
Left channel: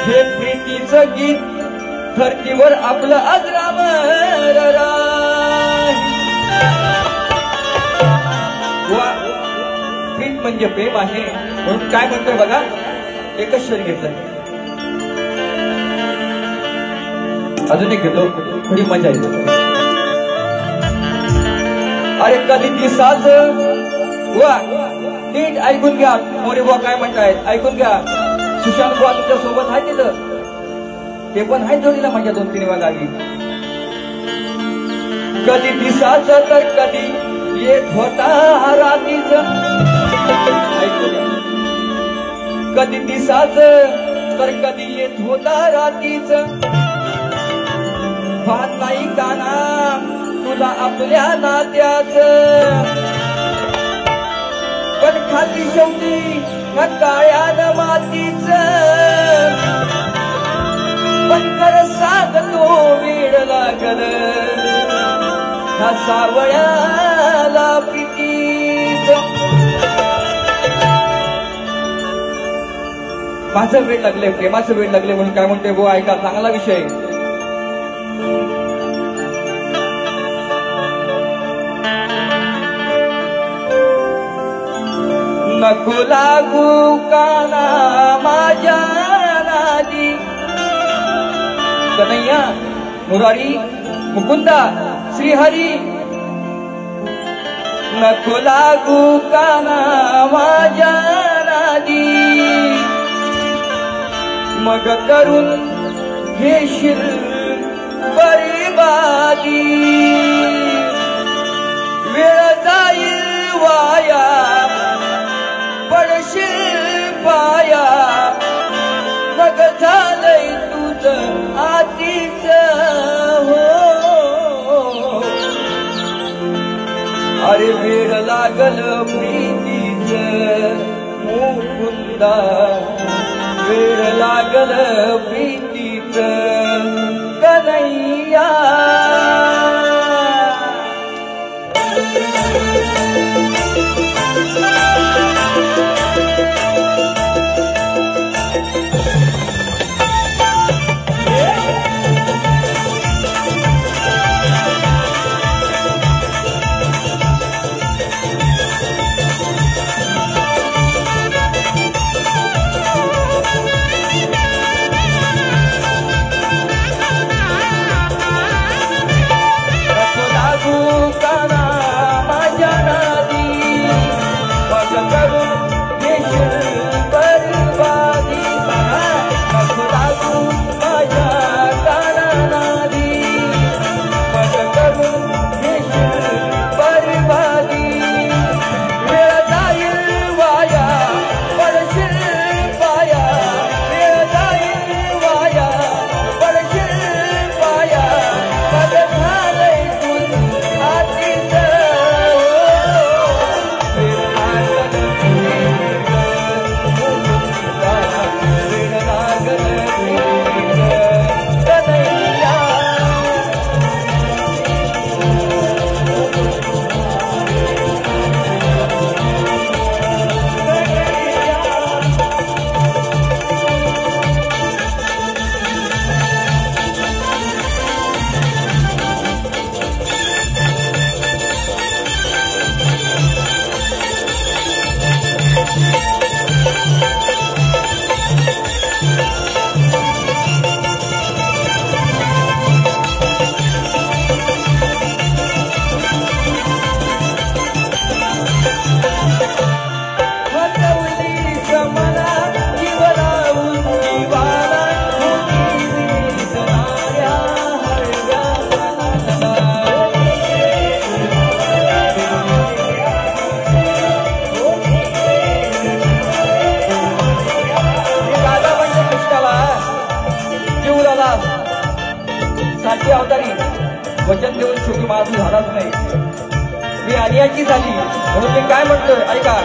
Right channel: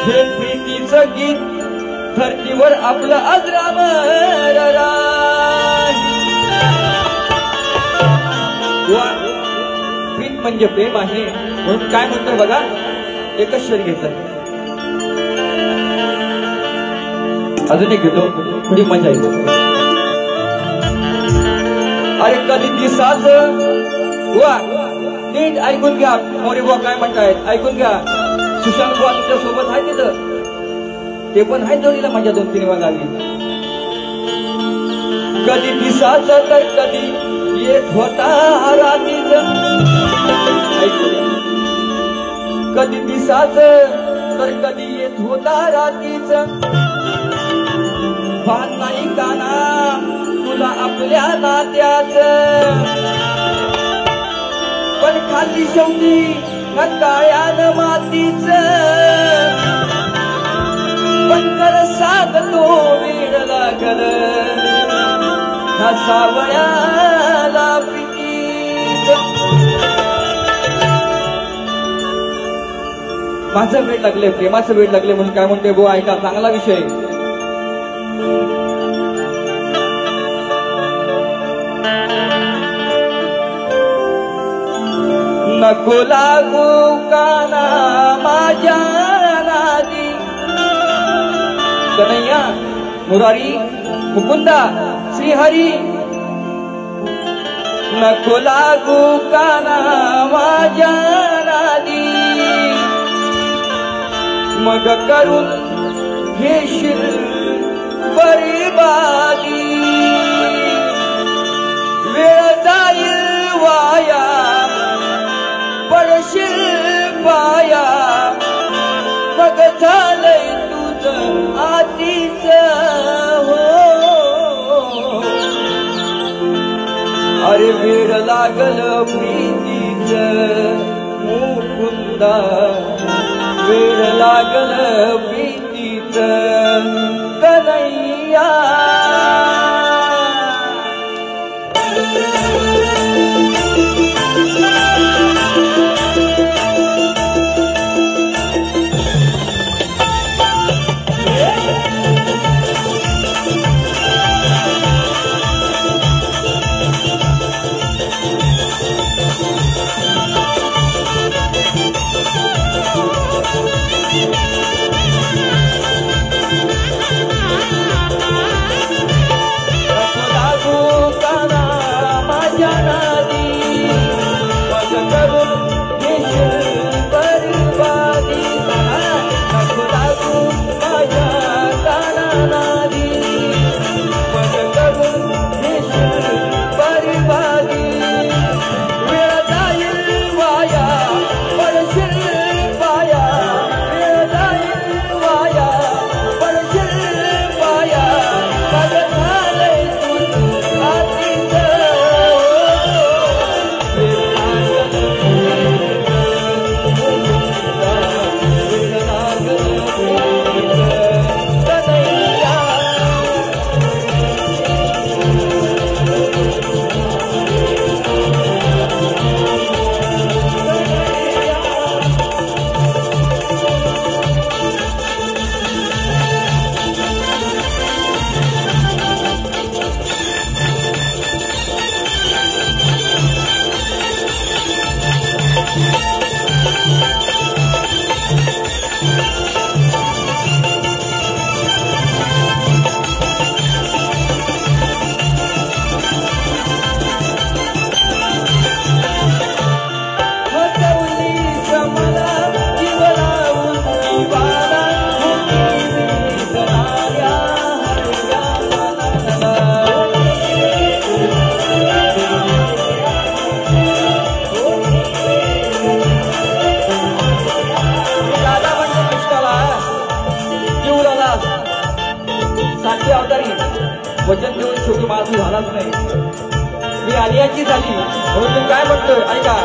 हे प्रीतीचं गीत धरतीवर आपलं अजरामर राहील. प्रीत म्हणजे प्रेम आहे म्हणून काय म्हणतो बघा, एकच शरीर घेतलं. अजून एक घेतो, थोडी मजा येते. अरे कधी दिसाच वा नीट ऐकून घ्या, मोरे बुवा काय म्हणतायत ऐकून घ्या. सुशांत बुवा तुमच्या सोबत आहे तिथं, ते पण आहे जोडीला माझ्या 2-3 गावी. कधी दिसाच तर कधी येत होता रात्रीच. कधी दिसाच तर कधी येत होता रात्रीच. भान नाही काना तुला आपल्या नात्याच. पण खाती शेवटी काळ्यान मातीच. पण कर सांगतो वेळ लागल हा सावळ्याला प्रीतीच. माझं वेळ लागले, प्रेमाचं वेळ लागले म्हणून काय म्हणते बुवा ऐका, चांगला विषय. नको लागू काना माझ्या नादी. कन्हैया मुरारी मुकुंदा श्रीहरी. नको लागू काना माझ्या नादी. मग करून घेशील बरीबादी. वेळ जाईल वाया पडशील पाया. मग झालंय तुझं आधीच हो. अरे वेळ लागल प्रीतीच मुकुंदा. वेळ लागल प्रीतीच कन्हैया. वचन देऊन शेवटी माझं झालाच नाही. मी आलियाची झाली म्हणून मी काय म्हणतो ऐका.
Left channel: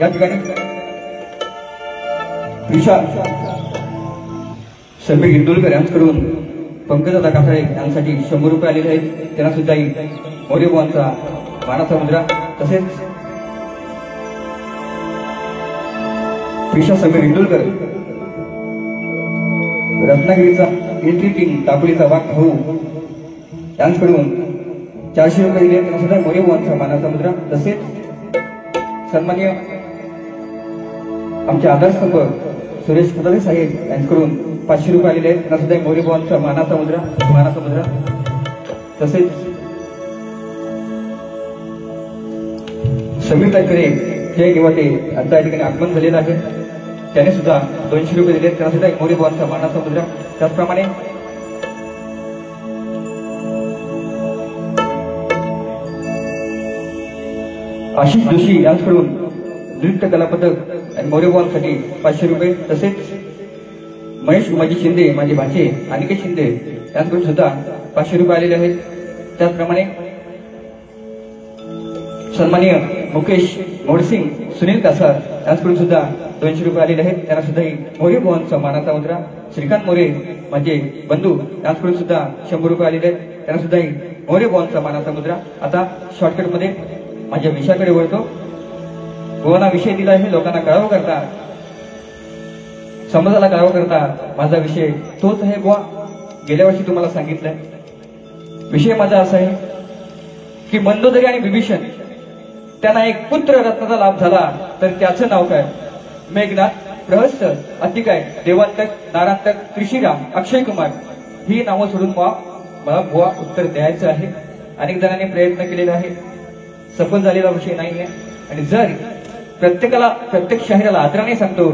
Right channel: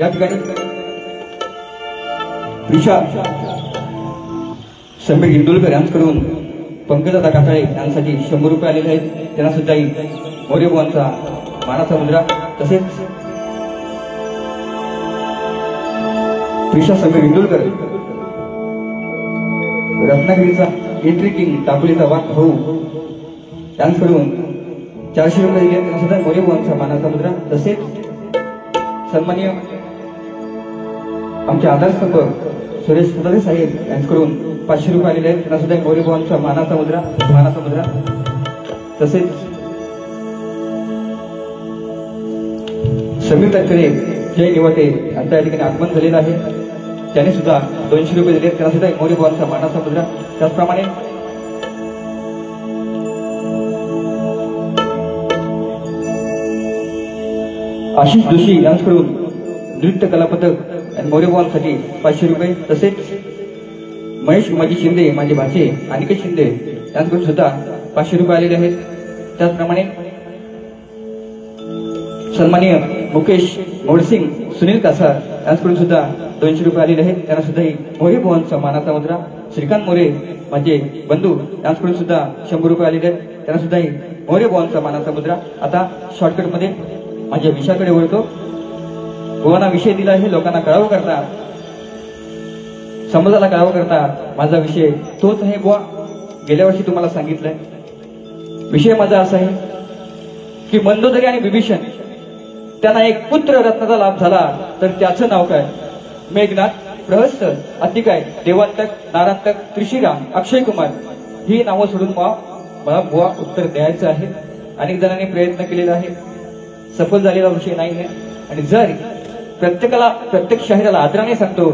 या ठिकाणी ईशा समीर इंदुलकर यांच्याकडून पंकजदा काठाळे यांसाठी 100 रुपये आलेले आहेत. त्यांना सुद्धा मोरेबुवांचा मानाचा मुद्रा तसेच ईशा समीर इंदुलकर रत्नागिरीचा एंट्री टीम टाकलीचा वाट भाऊ यांच्याकडून 400 रुपये दिले. त्यांना सुद्धा मोरेबुवांचा मानाचा मुद्रा तसेच सन्माननीय आमचे आदर्शस्तंभ सुरेश कुलारे साहेब यांच्याकडून 500 रुपये आलेले आहेत. त्यांना सुद्धा मोरेबुवांचा मानाचा मुद्रा तसेच समीर टाकरे जय निवाटे यांच्या ठिकाणी आगमन झालेलं आहे. त्याने सुद्धा 200 रुपये दिले. त्यांना सुद्धा मोरेबुवांचा मानाचा मुद्रा. त्याचप्रमाणे आशिष जोशी यांच्याकडून नृत्य कला पदक आणि मोरेबुवांसाठी 500 रुपये तसेच महेश उमाजी शिंदे माझे भाचे अनिकेत शिंदे यांच्याकडून सुद्धा 500 रुपये आलेले आहेत. त्याचप्रमाणे सन्माननीय मुकेश मोडसिंग सुनील कासार यांच्याकडून सुद्धा 200 रुपये आलेले आहेत. त्यांना सुद्धा मोरेबुवांचा मानाचा मुद्रा. श्रीकांत मोरे माझे बंधू यांच्याकडून सुद्धा 100 रुपये आलेले आहेत. त्यांना सुद्धा मोरेबुवांचा मानाचा मुद्रा. आता शॉर्टकटमध्ये माझ्या विषयाकडे वळतो. गोवाना विषय दिला आहे लोकांना कळावं करता, समाजाला कळावं करता. माझा विषय तोच आहे गोवा. गेल्या वर्षी तुम्हाला सांगितलंय. विषय माझा असा आहे की मंदोदरी आणि विभीषण त्यांना एक पुत्र रत्नाचा लाभ झाला तर त्याचं नाव काय? मेघनाथ, प्रहस्त, अतिकाय, देवांतक, नारांतक, त्रिशिराम, अक्षय कुमार ही नावं सोडून मला गोवा उत्तर द्यायचं आहे. अनेक जणांनी प्रयत्न केलेला आहे. सफल झालेला विषय नाही आहे. आणि जर प्रत्येक शाहिराला आदराने सांगतो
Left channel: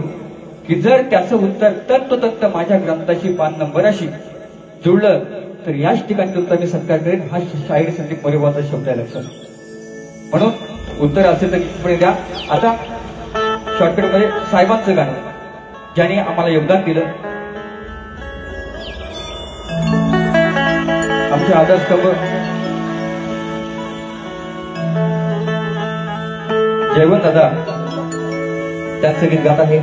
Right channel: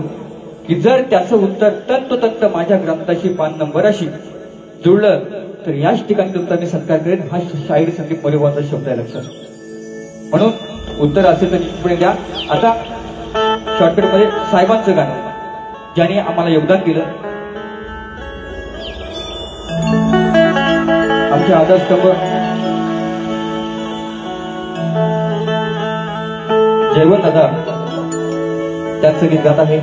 की जर त्याचं उत्तर तंतोतंत माझ्या ग्रंथाशी 5 नंबराशी जुळलं तर याच ठिकाणी उत्तराने सत्कार करेन. हा शाहीर संदीप मोरेबुवांचा शब्द आहे लक्षात. म्हणून उत्तर असेल तर पुढे द्या. आता शॉर्टकटमध्ये साहेबांचं गाणं ज्याने आम्हाला योगदान दिलं. आमचे आदर्शस्तंभ जयवंत दादा त्यांचं गीत गात आहे.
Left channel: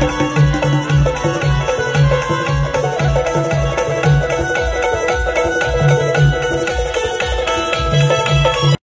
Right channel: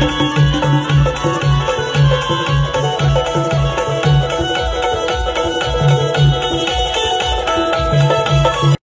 Thank you.